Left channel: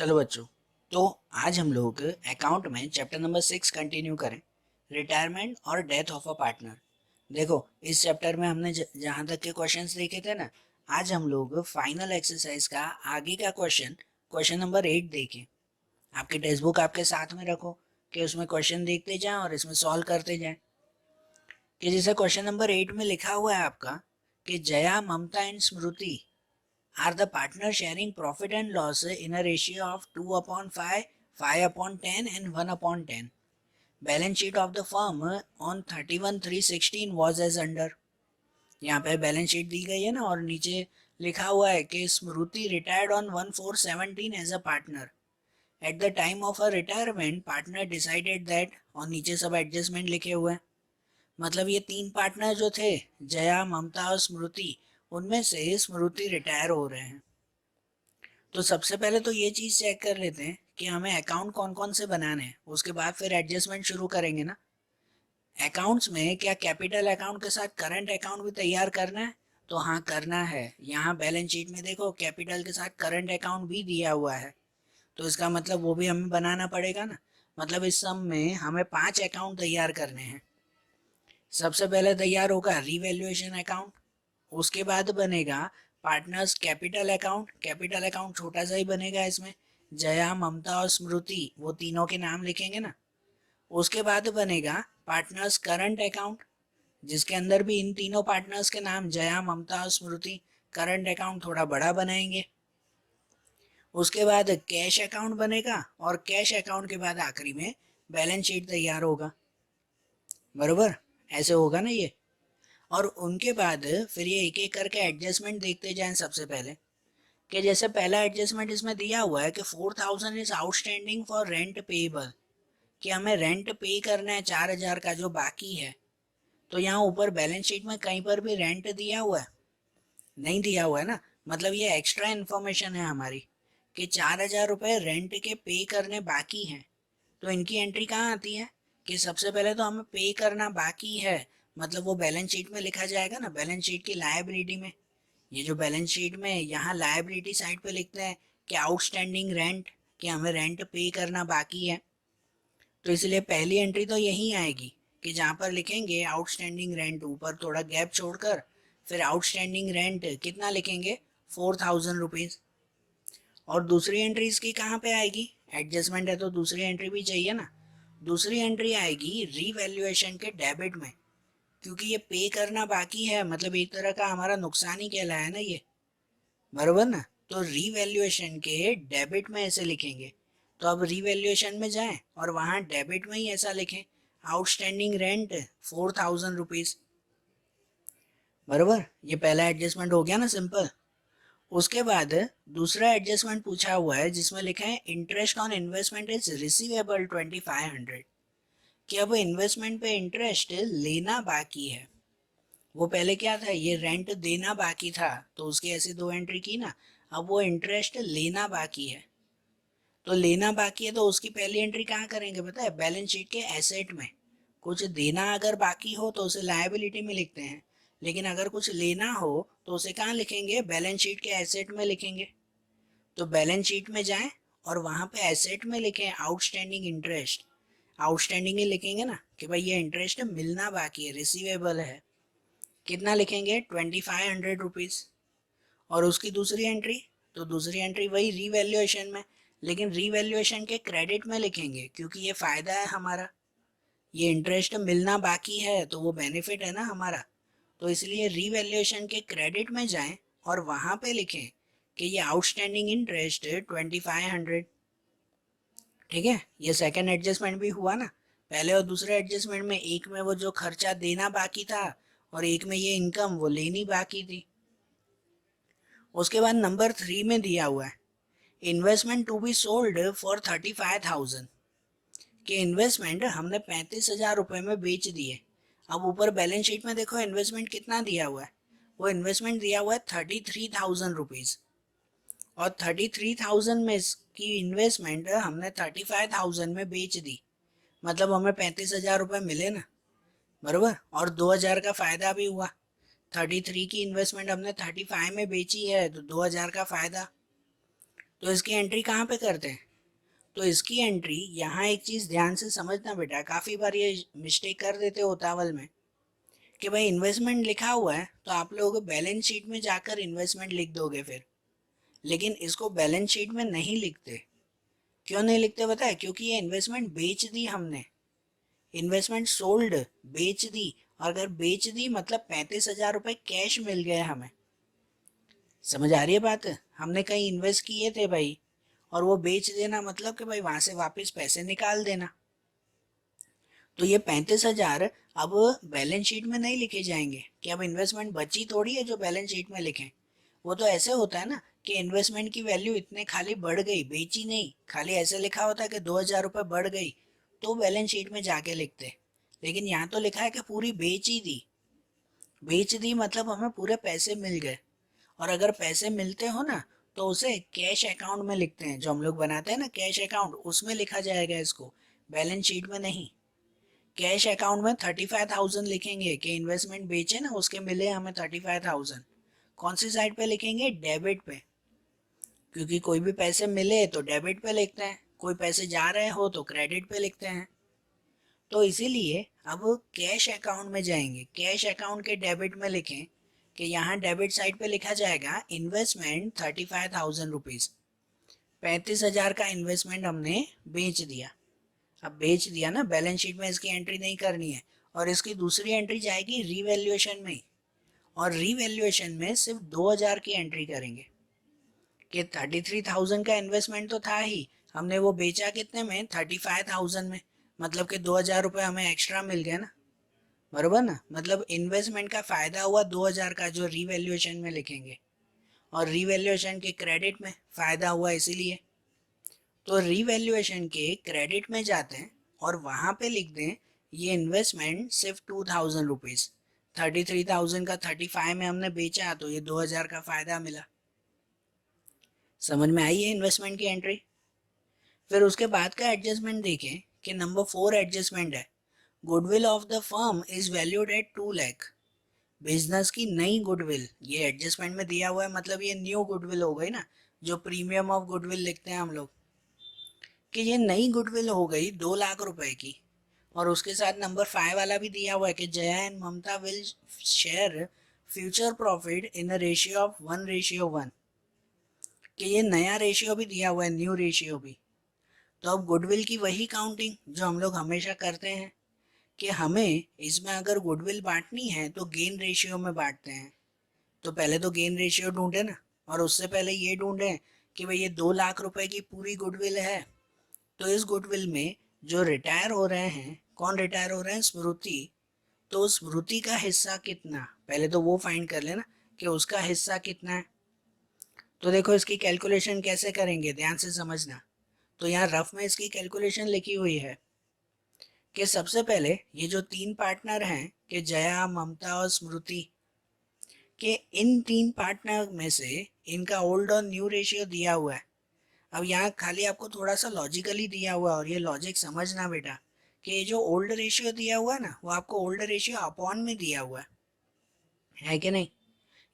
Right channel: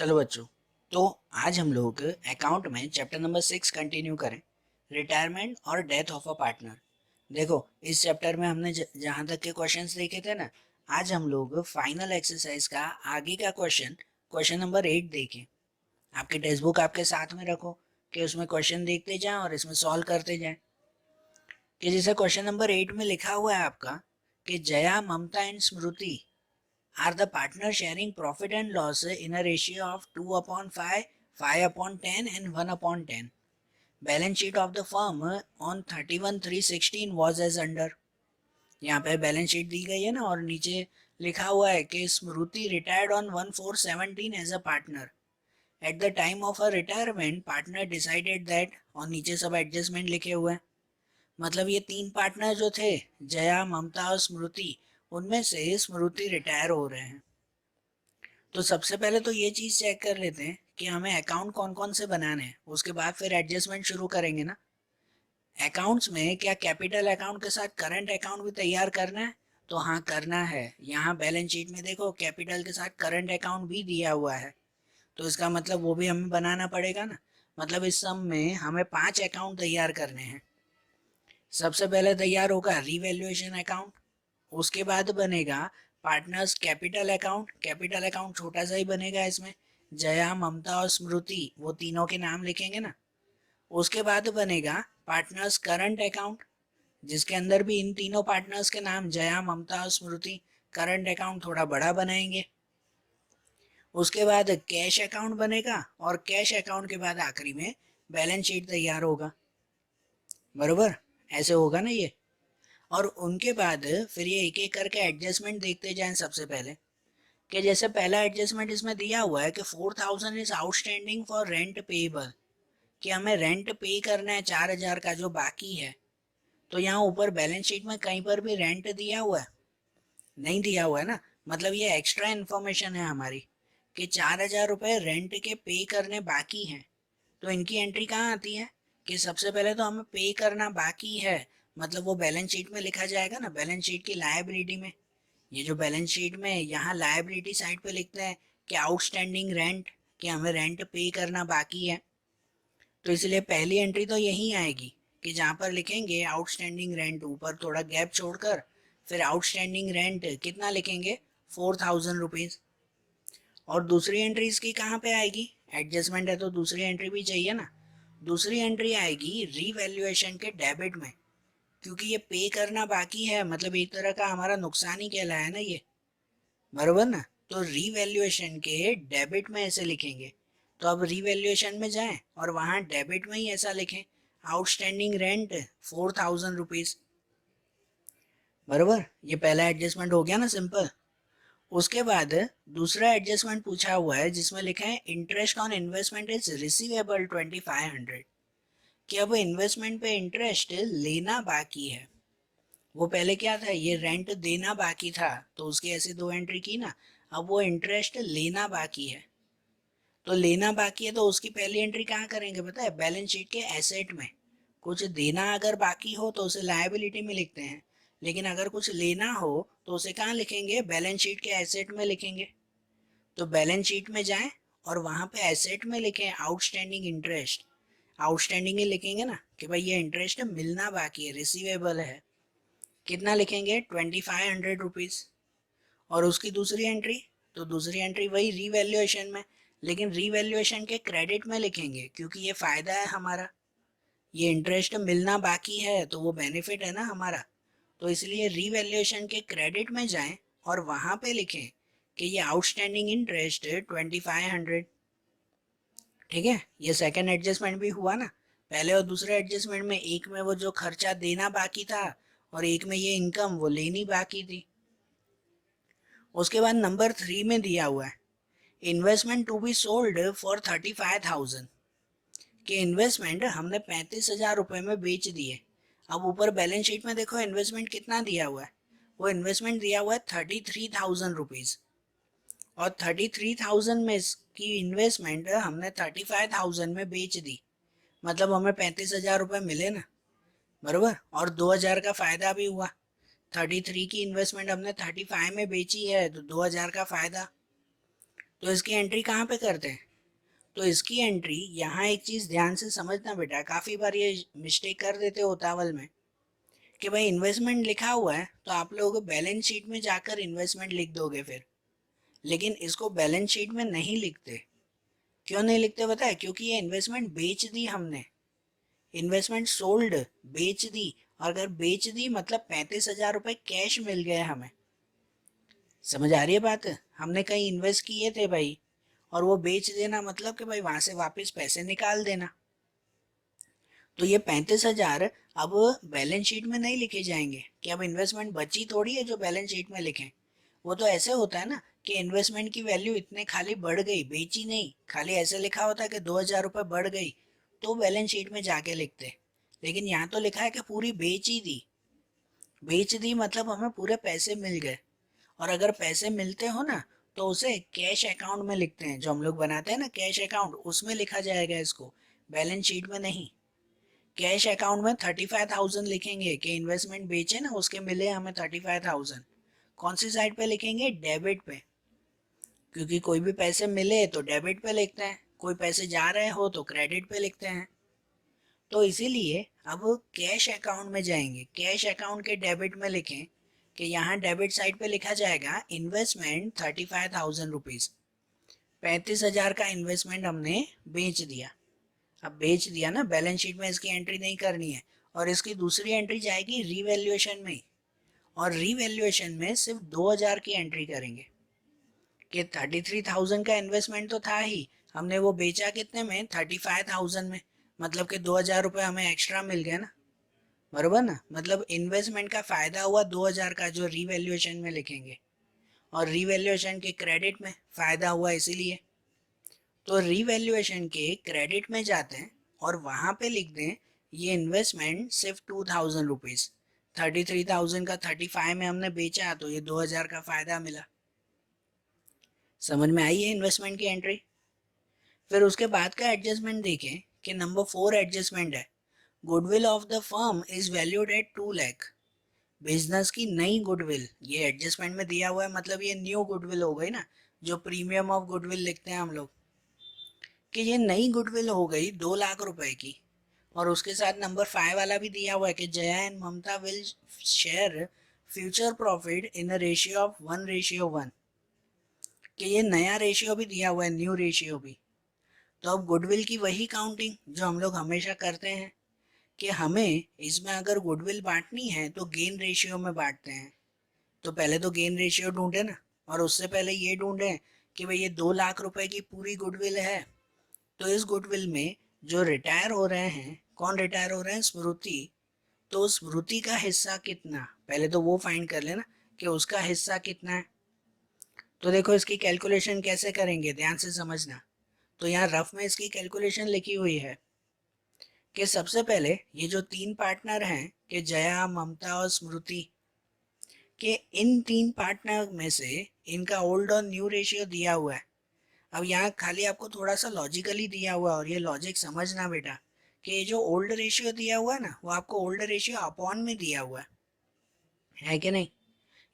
चलो बच्चों, तो आज हम लोग अकाउंट में चैप्टर नंबर 6 कंटिन्यू करें, रिटायरमेंट और डेथ ऑफ अ पार्टनर। देखो, इस चैप्टर में हमने जहाँ तक के क्वेश्चंस देखे थे ना, आज हम लोग फाइनल एक्सरसाइज का आगे का क्वेश्चन नंबर 8 देखें। आपके टेक्स्ट बुक आपके साथ में रखो कि उसमें क्वेश्चन देखते जाएं और इसमें सॉल्व करते जाएं। कि जैसे क्वेश्चन नंबर 8 में लिखा हुआ है आपका कि Jaya, Mamta and Smriti are the partners sharing profit and loss in a ratio of 2/5, 5/10 and 1/10. Balance sheet of the firm on 31/3/16 was as under. यहाँ पे बैलेंस शीट दी गई है ना, और नीचे लिखा हुआ है कि Smriti retired on 1/4/17 as a partner. At the time of a retirement partner decided that, और नीचे सब एडजस्टमेंट लिखे हुए हैं। मतलब ये तीन पार्टनर जो थे, जया, ममता और स्मृति, उनमें से स्मृति रिटायर हो रहे हैं। तो सबसे पहले तो ये चीज़ चेक कर लेते हैं कि हमें अकाउंट कौन कौन से बनाने हैं, उसके बाद फिर एडजस्टमेंट शुरू करेंगे ना। अकाउंट्स में क्या कैपिटल अकाउंट के साथ करंट अकाउंट भी तैयार करना है? तो हाँ, करना है। यहाँ बैलेंस शीट में देखो, कैपिटल के साथ करंट अकाउंट भी दिया हुआ है, तो इसका मतलब वो भी हमें बनाना पड़ेगा ना। मतलब इस सम में हमें 5 अकाउंट तैयार करने हैं। सबसे पहले तैयार होगा रिवैल्यूएशन अकाउंट, उसके बाद बनेगा partners capital account. Capital account छोटा सा ही बनेगा, इसमें जया, ममता और स्मृति, वो तीनों के नाम लिखेंगे ना। उसके बाद बनेगा पार्टनर्स करंट अकाउंट, जिसके अंदर भी इन तीनों पार्टनर्स के नाम जया, ममता और स्मृति। करंट अकाउंट थोड़ा बड़ा बनाएंगे। उसके बाद कैश अकाउंट बनेगा, और कैश अकाउंट के बाद आखिरी में बैलेंस शीट तैयार होगा। बरोबर, ऐसे होगा ना ये। और उनके बाद फिर ये एक एक करके एडजस्टमेंट देखते जाएं। सबसे पहले कि जैसे पहला एडजस्टमेंट इसमें दिया हुआ है कि 4,000 is outstanding for rent payable, कि हमें रेंट पे करना है 4,000 का जो बाकी है। तो यहाँ ऊपर बैलेंस शीट में कहीं पर भी रेंट दिया हुआ है? नहीं दिया हुआ है ना। मतलब ये एक्स्ट्रा इन्फॉर्मेशन है हमारी कि 4,000 रुपये रेंट के पे करने बाकी हैं। तो इनकी एंट्री कहाँ आती है कि सबसे पहले तो हमें पे करना बाकी है, मतलब वो बैलेंस शीट में लिखा जाएगा ना, बैलेंस शीट की लायबिलिटी में। ये जो बैलेंस शीट में यहाँ लायबिलिटी साइड पे लिखते हैं कि आउटस्टैंडिंग रेंट, कि हमें रेंट पे करना बाकी है। तो इसलिए पहली एंट्री तो यही आएगी कि जहाँ पर लिखेंगे आउटस्टैंडिंग रेंट, ऊपर थोड़ा गैप छोड़कर फिर आउटस्टैंडिंग रेंट कितना लिखेंगे, 4,000 रुपीज़। और दूसरी एंट्री इसकी कहाँ पे आएगी? एडजस्टमेंट है तो दूसरी एंट्री भी चाहिए ना। दूसरी एंट्री आएगी रीवैल्यूएशन के डेबिट में, क्योंकि ये पे करना बाकी है, मतलब एक तरह का हमारा नुकसान ही कहलाया ना ये। बराबर ना। तो रीवैल्यूएशन के डेबिट में ऐसे लिखेंगे। तो अब रीवैल्यूएशन में जाएं और वहां डेबिट में ही ऐसा लिखें, आउटस्टैंडिंग रेंट 4,000 रुपीज। बराबर, ये पहला एडजस्टमेंट हो गया ना, सिंपल। उसके बाद दूसरा एडजस्टमेंट पूछा हुआ है जिसमें लिखा है interest on investment is receivable 2,500, कि अब इन्वेस्टमेंट पे इंटरेस्ट लेना बाकी है। वो पहले क्या था, ये रेंट देना बाकी था, तो उसकी ऐसी दो एंट्री की ना। अब वो इंटरेस्ट लेना बाकी है, तो लेना बाकी है तो उसकी पहली एंट्री कहाँ करेंगे पता है? बैलेंस शीट के एसेट में। कुछ देना अगर बाकी हो तो उसे लायबिलिटी में लिखते हैं, लेकिन अगर कुछ लेना हो तो उसे कहाँ लिखेंगे? बैलेंस शीट के एसेट में लिखेंगे। तो बैलेंस शीट में जाएं और वहां पे एसेट में लिखें आउटस्टैंडिंग इंटरेस्ट। आउटस्टैंडिंग ही लिखेंगे ना कि भाई ये इंटरेस्ट मिलना बाकी है, रिसीवेबल है। कितना लिखेंगे? 2,500 रुपीज़। और उसकी दूसरी एंट्री, तो दूसरी एंट्री वही रीवैल्यूएशन में, लेकिन रीवैल्यूएशन के क्रेडिट में लिखेंगे, क्योंकि ये फ़ायदा है हमारा। ये इंटरेस्ट मिलना बाकी है तो वो बेनिफिट है ना हमारा। तो इसलिए रीवैल्यूएशन के क्रेडिट में जाएं और वहाँ पे लिखें कि ये आउटस्टैंडिंग इंटरेस्ट 2,500। ठीक है, ये सेकंड एडजस्टमेंट भी हुआ ना। पहले और दूसरे एडजस्टमेंट में एक में वो जो खर्चा देना बाकी था, और एक में ये इनकम वो लेनी बाकी थी। उसके बाद नंबर 3 में दिया हुआ है investment to be sold for 35,000, कि इन्वेस्टमेंट हमने 35,000 रुपये में बेच दिए। अब ऊपर बैलेंस शीट में देखो इन्वेस्टमेंट कितना दिया हुआ है, वो इन्वेस्टमेंट दिया हुआ है 33,000 रुपीज़। और 33,000 में की इन्वेस्टमेंट हमने 35,000 में बेच दी, मतलब हमें 35,000 रुपये मिले ना। बराबर, और 2,000 का फ़ायदा भी हुआ। 33 की इन्वेस्टमेंट हमने 35 में बेची है तो 2,000 का फ़ायदा। तो इसकी एंट्री कहाँ पे करते हैं? तो इसकी एंट्री यहाँ एक चीज़ ध्यान से समझना बेटा, काफ़ी बार ये मिस्टेक कर देते हो उतावल में कि भाई इन्वेस्टमेंट लिखा हुआ है तो आप लोग बैलेंस शीट में जाकर इन्वेस्टमेंट लिख दोगे फिर, लेकिन इसको बैलेंस शीट में नहीं लिखते। क्यों नहीं लिखते पता है? क्योंकि ये इन्वेस्टमेंट बेच दी हमने, इन्वेस्टमेंट सोल्ड, बेच दी। और अगर बेच दी मतलब 35,000 रुपये कैश मिल गए हमें। समझ आ रही है बात? हमने कहीं इन्वेस्ट किए थे भाई, और वो बेच देना मतलब कि भाई वहां से वापस पैसे निकाल देना। तो ये 35,000 अब बैलेंस शीट में नहीं लिखे जाएंगे कि अब इन्वेस्टमेंट बची थोड़ी है जो बैलेंस शीट में लिखें। वो तो ऐसे होता है ना कि इन्वेस्टमेंट की वैल्यू इतने खाली बढ़ गई, बेची नहीं, खाली ऐसे लिखा होता है कि 2,000 रुपये बढ़ गई, तो बैलेंस शीट में जाके लिखते। लेकिन यहाँ तो लिखा है कि पूरी बेच ही दी। बेच दी मतलब हमें पूरे पैसे मिल गए। और अगर पैसे मिलते हो ना तो उसे कैश अकाउंट में लिखते हैं, जो हम लोग बनाते हैं ना कैश अकाउंट, उसमें लिखा जाएगा इसको, बैलेंस शीट में नहीं। कैश अकाउंट में 35,000 लिखेंगे कि इन्वेस्टमेंट बेचे ना उसके मिले हमें 35,000। कौन सी साइड पे लिखेंगे? डेबिट पे, क्योंकि कोई भी पैसे मिले तो डेबिट पे लिखते हैं, कोई पैसे जा रहे हो तो क्रेडिट पे लिखते हैं। तो इसीलिए अब कैश अकाउंट में जाएंगे, कैश अकाउंट के डेबिट में लिखें कि यहाँ डेबिट साइड पे लिखा जाएगा इन्वेस्टमेंट 35,000 रुपीज़। 35,000 का इन्वेस्टमेंट हमने बेच दिया। अब बेच दिया ना, बैलेंस शीट में इसकी एंट्री नहीं करनी है, और इसकी दूसरी एंट्री जाएगी रीवैल्यूएशन में। और रीवैल्यूएशन में सिर्फ 2,000 की एंट्री करेंगे कि 33,000 का इन्वेस्टमेंट तो था ही, हमने वो बेचा कितने में? 35,000 में। मतलब कि 2,000 रुपये हमें एक्स्ट्रा मिल गया ना, बराबर ना? मतलब इन्वेस्टमेंट का फायदा हुआ 2,000 का, जो रीवैल्यूएशन में लिखेंगे, और रीवैल्यूएशन के क्रेडिट में फायदा हुआ इसीलिए। तो रीवैल्यूएशन के क्रेडिट में जाते हैं और वहां पे लिख दें ये इन्वेस्टमेंट सिर्फ 2,000 रुपीज़, 33,000 का 35 में हमने बेचा तो ये 2,000 का फायदा मिला। समझ में आई है इन्वेस्टमेंट की एंट्री? फिर उसके बाद का एडजस्टमेंट देखें कि नंबर 4 एडजस्टमेंट है, goodwill of the firm is valued at 2 lakh. Business की नई गुडविल ये एडजस्टमेंट में दिया हुआ है, मतलब ये न्यू गुडविल हो गई ना, जो प्रीमियम ऑफ गुडविल लिखते हैं हम लोग, कि ये नई गुडविल हो गई 2 लाख रुपए की। और उसके साथ नंबर 5 वाला भी दिया हुआ है कि Jaya and Mamata will share future profit in a ratio of 1:1, कि ये नया रेशियो भी दिया हुआ है, न्यू रेशियो भी। तो अब गुडविल की वही काउंटिंग जो हम लोग हमेशा करते हैं कि हमें इसमें अगर गुडविल बांटनी है तो गेन रेशियो में बांटते हैं। तो पहले तो गेन रेशियो ढूंढे ना, और उससे पहले ये ढूंढे कि भाई ये 2 लाख रुपए की पूरी गुडविल है, तो इस गुडविल में जो रिटायर हो रहे हैं, कौन रिटायर हो रहे हैं? स्मृति। तो स्मृति का हिस्सा कितना, पहले तो वो फाइंड कर लेना कि उसका हिस्सा कितना है। तो देखो इसकी कैलकुलेशन कैसे करेंगे, ध्यान से समझना। तो यहाँ रफ में इसकी कैलकुलेशन लिखी हुई है कि सबसे पहले ये जो 3 पार्टनर हैं कि जया, ममता और स्मृति, के इन 3 पार्टनर में से इनका ओल्ड और न्यू रेशियो दिया हुआ है। अब यहाँ खाली आपको थोड़ा सा लॉजिकली दिया हुआ है, और ये लॉजिक समझना बेटा कि ये जो ओल्ड रेशियो दिया हुआ है ना, वो आपको ओल्ड रेशियो अपॉन में दिया हुआ है कि नहीं?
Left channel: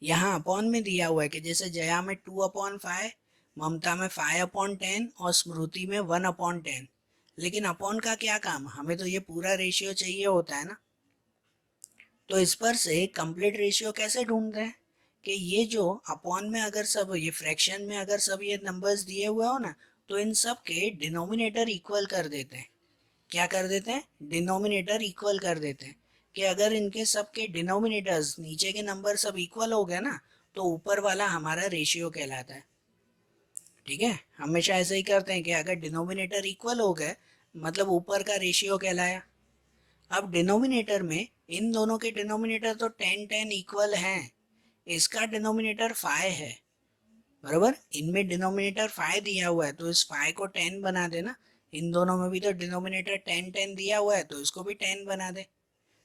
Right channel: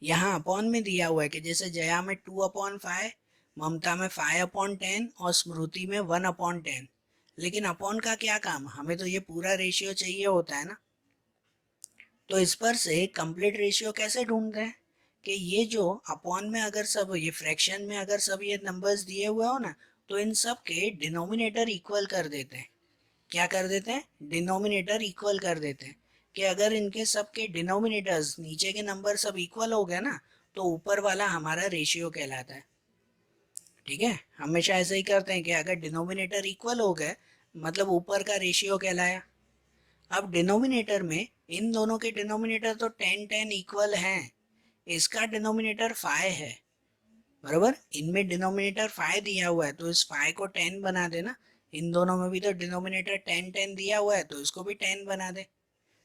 यहाँ अपॉन में दिया हुआ है कि जैसे जया में 2/5, ममता में 5/10 और स्मृति में 1/10। लेकिन अपॉन का क्या काम, हमें तो ये पूरा रेशियो चाहिए होता है ना। तो इस पर से कंप्लीट रेशियो कैसे ढूंढते हैं कि ये जो अपॉन में अगर सब, ये फ्रैक्शन में अगर सब ये नंबर्स दिए हुए हो ना, तो इन सब के डिनोमिनेटर इक्वल कर देते हैं। क्या कर देते हैं? डिनोमिनेटर इक्वल कर देते हैं, कि अगर इनके सब के डिनोमिनेटर्स, नीचे के नंबर सब इक्वल हो गए ना, तो ऊपर वाला हमारा रेशियो कहलाता है। ठीक है, हमेशा ऐसे ही करते हैं कि अगर डिनोमिनेटर इक्वल हो गए मतलब ऊपर का रेशियो कहलाया। अब डिनोमिनेटर में इन दोनों के डिनोमिनेटर तो 10-10 इक्वल हैं, इसका डिनोमिनेटर 5 है, बराबर? इनमें डिनोमिनेटर 5 दिया हुआ है तो इस 5 को 10 बना देना। इन दोनों में भी तो डिनोमिनेटर 10-10 दिया हुआ है तो इसको भी 10 बना दे।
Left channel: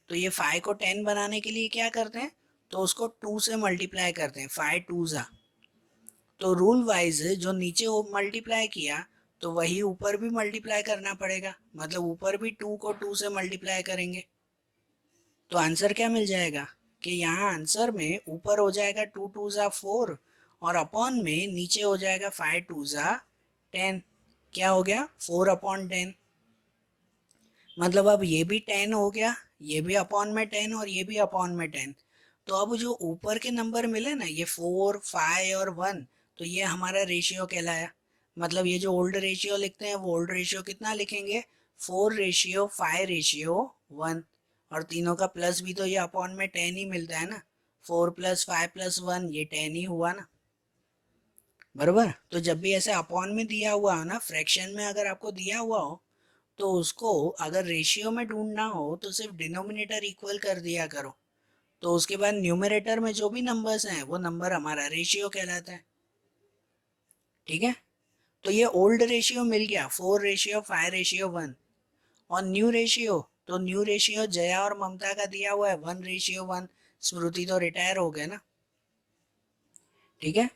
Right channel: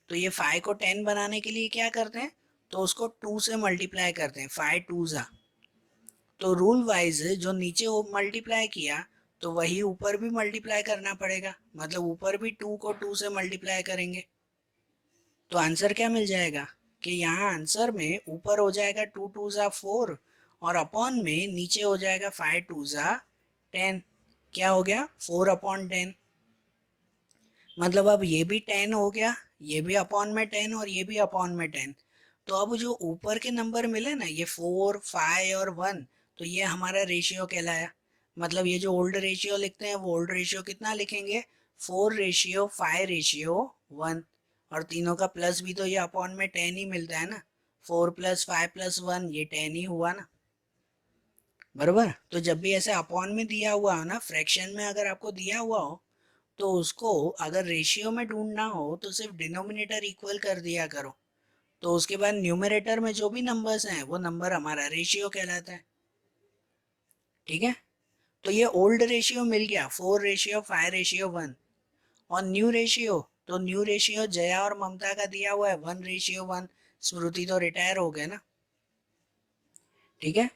तो ये 5 को 10 बनाने के लिए क्या करते हैं? तो उसको 2 से मल्टीप्लाई करते हैं, 5 2 जा। तो रूल वाइज जो नीचे मल्टीप्लाई किया तो वही ऊपर भी मल्टीप्लाई करना पड़ेगा, मतलब ऊपर भी 2 को 2 से मल्टीप्लाई करेंगे। तो आंसर क्या मिल जाएगा कि यहाँ आंसर में ऊपर हो जाएगा 2 2 जा 4, और अपॉन में नीचे हो जाएगा 5 2 जा 10, क्या हो गया 4/10। मतलब अब ये भी 10 हो गया, ये भी अपॉन में 10 और ये भी अपॉन में 10। तो अब जो ऊपर के नंबर मिले ना, ये 4 5 और 1, तो ये हमारा रेशियो कहलाया। मतलब ये जो ओल्ड रेशियो लिखते हैं वो ओल्ड रेशियो कितना लिखेंगे, 4:5:1। और तीनों का प्लस भी तो ये अपॉन में 10 ही मिलता है ना, 4 + 5 + 1 ये 10 ही हुआ ना, बराबर। तो जब भी ऐसे अपॉन में दिया हुआ हो ना, फ्रैक्शन में अगर आपको दिया हुआ हो, तो उसको अगर रेशियो में ढूंढना हो तो सिर्फ डिनोमिनेटर इक्वल कर दिया करो, तो उसके बाद न्यूमरेटर में जो भी नंबर्स हैं वो नंबर हमारा रेशियो कहलाता है। ठीक है, तो ये ओल्ड रेशियो मिल गया 4:5:1। और न्यू रेशियो, तो न्यू रेशियो जया और ममता का दिया हुआ है 1:1। स्मृति तो रिटायर हो गए ना। ठीक है,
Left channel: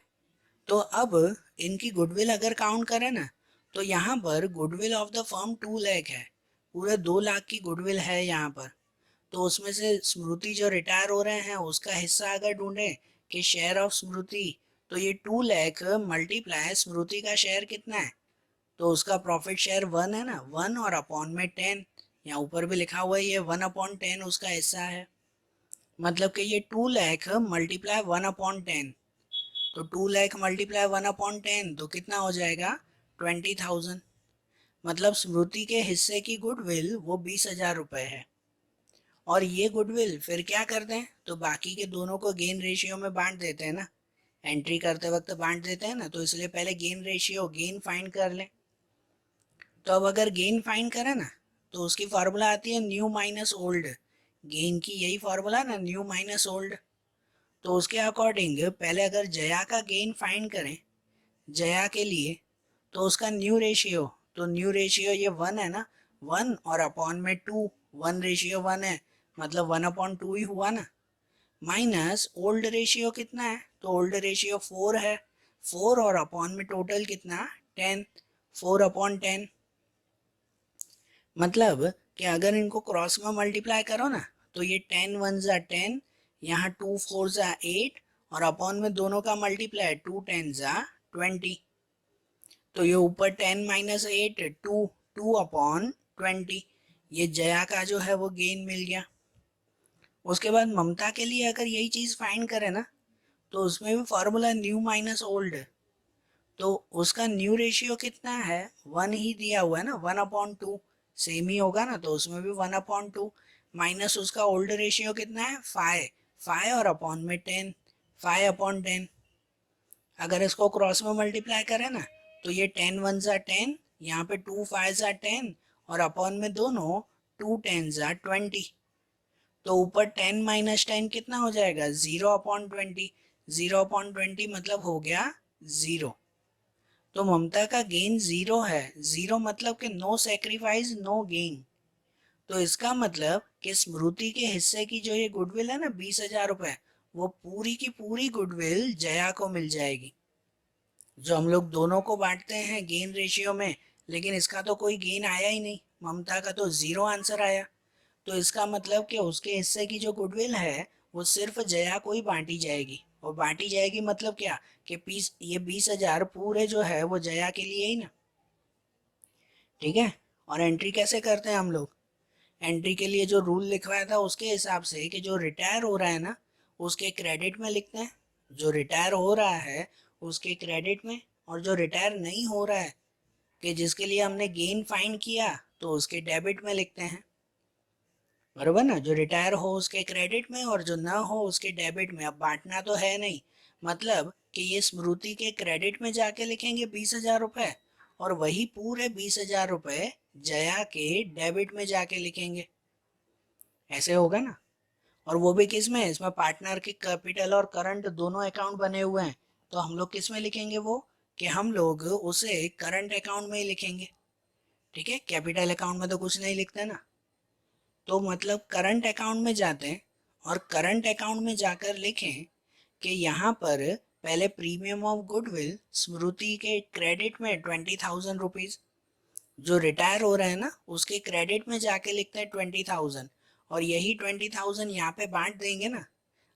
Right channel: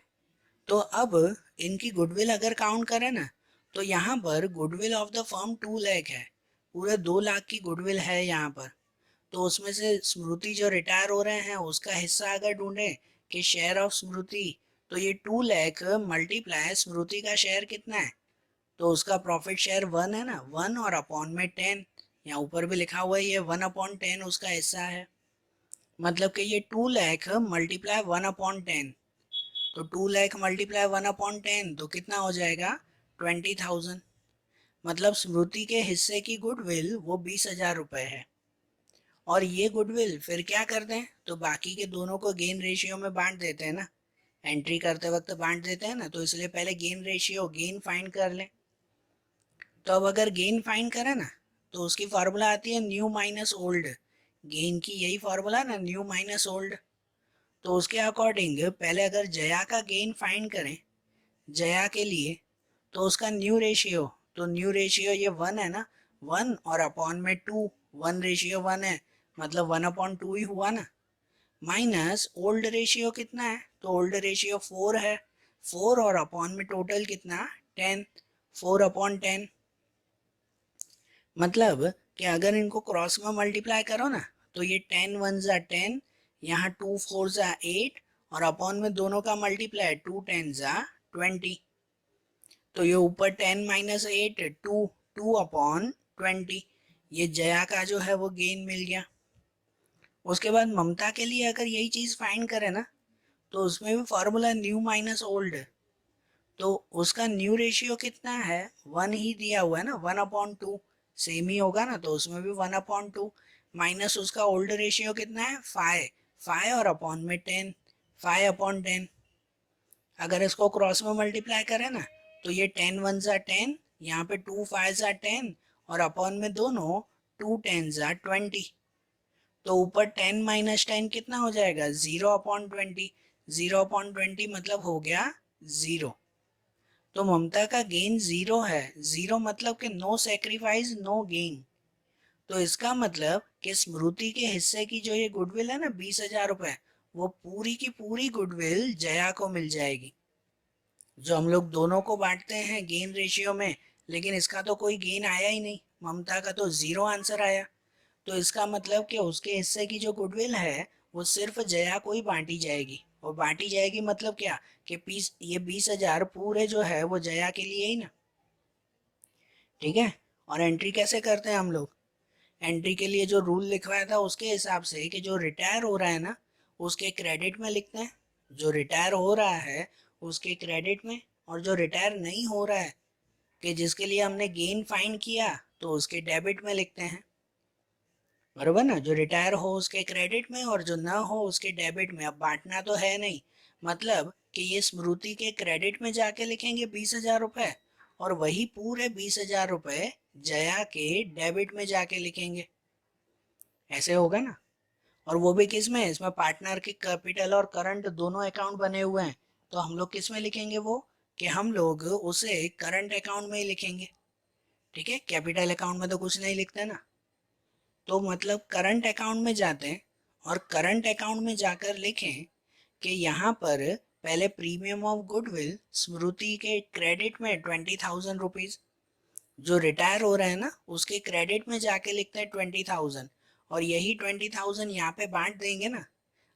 तो अब इनकी गुडविल अगर काउंट करें ना, तो यहाँ पर goodwill of the firm 2 lakh है, पूरे 2 लाख की गुडविल है यहाँ पर। तो उसमें से स्मृति जो रिटायर हो रहे हैं उसका हिस्सा अगर ढूंढे कि शेयर ऑफ स्मृति, तो ये 2 लाख मल्टीप्लाई स्मृति का शेयर कितना है, तो उसका प्रॉफिट शेयर 1 है ना, 1 और अपॉन में 10। यहाँ ऊपर भी लिखा हुआ है ये 1/10 उसका हिस्सा है। मतलब कि ये 2 लाख मल्टीप्लाई 1/10, तो 2 लाख मल्टीप्लाई 1/10 तो कितना हो जाएगा 20,000। मतलब स्मृति के हिस्से की गुडविल वो 20,000 रुपये है। और ये गुडविल फिर क्या करते हैं, तो बाकी के दोनों को गेन रेशियो में बांट देते हैं ना, एंट्री करते वक्त बांट देते हैं ना, तो इसलिए पहले गेन रेशियो गेन फाइंड कर लें। तो अब अगर गेन फाइंड करें ना, तो उसकी फार्मूला आती है न्यू माइनस ओल्ड। गेन की यही फार्मूला ना, न्यू माइनस ओल्ड। तो उसके अकॉर्डिंग पहले अगर जया का गेन फाइंड करें, जया के लिए, तो उसका न्यू रेशियो, तो न्यू रेशियो ये 1 है ना, 1 और अपॉन में 2, 1:1 है, मतलब 1/2 ही हुआ ना। माइनस ओल्ड रेशियो कितना है, तो ओल्ड रेशियो 4 है, 4 और अपॉन में टोटल कितना 10, 4/10। मतलब कि अगर इनको क्रॉस में मल्टीप्लाई करो ना, तो ये 10 1 जा 10, यहाँ 2 4 जा 8, और अपॉन में दोनों का मल्टीप्लाई 2 10 जा 20। तो ये ऊपर 10 - 8 2, 2/20। ये जया का जो है वो गेन मिल गया। उसके बाद ममता के लिए अगर यही चीज फाइंड करें ना, तो उसमें भी फॉर्मूला न्यू माइनस ओल्ड। तो उसका न्यू रेशियो कितना है, 1 ही दिया हुआ है ना, 1/2 सेम ही होगा ना, तो उसमें भी 1/2 माइनस उसका ओल्ड रेशियो कितना है 5, 5 और अपॉन में 10, 5/10। अगर इसको क्रॉस में मल्टीप्लाई करें ना, तो ये 10 1 जा 10, यहाँ पे 2 5 जा 10, और अपॉन में दोनों 2 10 जा 20। तो ऊपर 10 - 10 कितना हो जाएगा 0/20, 0/20 मतलब हो गया 0। तो ममता का गेन 0 है, 0 मतलब कि नो सेक्रीफाइस नो गेन। तो इसका मतलब कि स्मृति के हिस्से की जो ये गुडविल है ना 20,000 रुपए, वो पूरी की पूरी गुडविल जया को मिल जाएगी, जो हम लोग दोनों को बांटते हैं गेन रेशियो में। लेकिन इसका तो कोई गेन आया ही नहीं, ममता का तो 0 आंसर आया। तो इसका मतलब कि उसके हिस्से की जो गुडविल है वो सिर्फ जया को ही बांटी जाएगी। और बांटी जाएगी मतलब क्या, कि ये 20,000 पूरे जो है वो जया के लिए ही ना। ठीक है, और एंट्री कैसे करते हैं हम लोग, एंट्री के लिए जो रूल लिखवाया था उसके हिसाब से कि जो रिटायर हो रहा है ना उसके क्रेडिट में लिखते हैं, जो रिटायर हो रहा है उसके क्रेडिट में, और जो रिटायर नहीं हो रहा है कि जिसके लिए हमने गेन फाइंड किया तो उसके डेबिट में लिखते हैं। बरोबर ना, जो रिटायर हो उसके क्रेडिट में और जो ना हो उसके डेबिट में। अब बांटना तो है नहीं, मतलब कि ये स्मृति के क्रेडिट में जाके लिखेंगे 20,000 रुपए, और वही पूरे 20,000 रुपए जया के डेबिट में जाके लिखेंगे। ऐसे होगा ना। और वो भी किस में, इसमें पार्टनर के कैपिटल और करंट दोनों अकाउंट बने हुए हैं, तो हम लोग किस में लिखेंगे वो, कि हम लोग उसे करंट अकाउंट में ही लिखेंगे। ठीक है, कैपिटल अकाउंट में तो कुछ नहीं लिखते ना। तो मतलब करंट अकाउंट में जाते हैं, और करंट अकाउंट में जाकर लिखें कि यहाँ पर पहले प्रीमियम ऑफ गुडविल स्मृति के क्रेडिट में 20,000 रुपीज, जो रिटायर हो रहे हैं ना उसके क्रेडिट में जाके लिखते हैं 20,000, और यही 20,000 यहाँ पे बांट देंगे ना।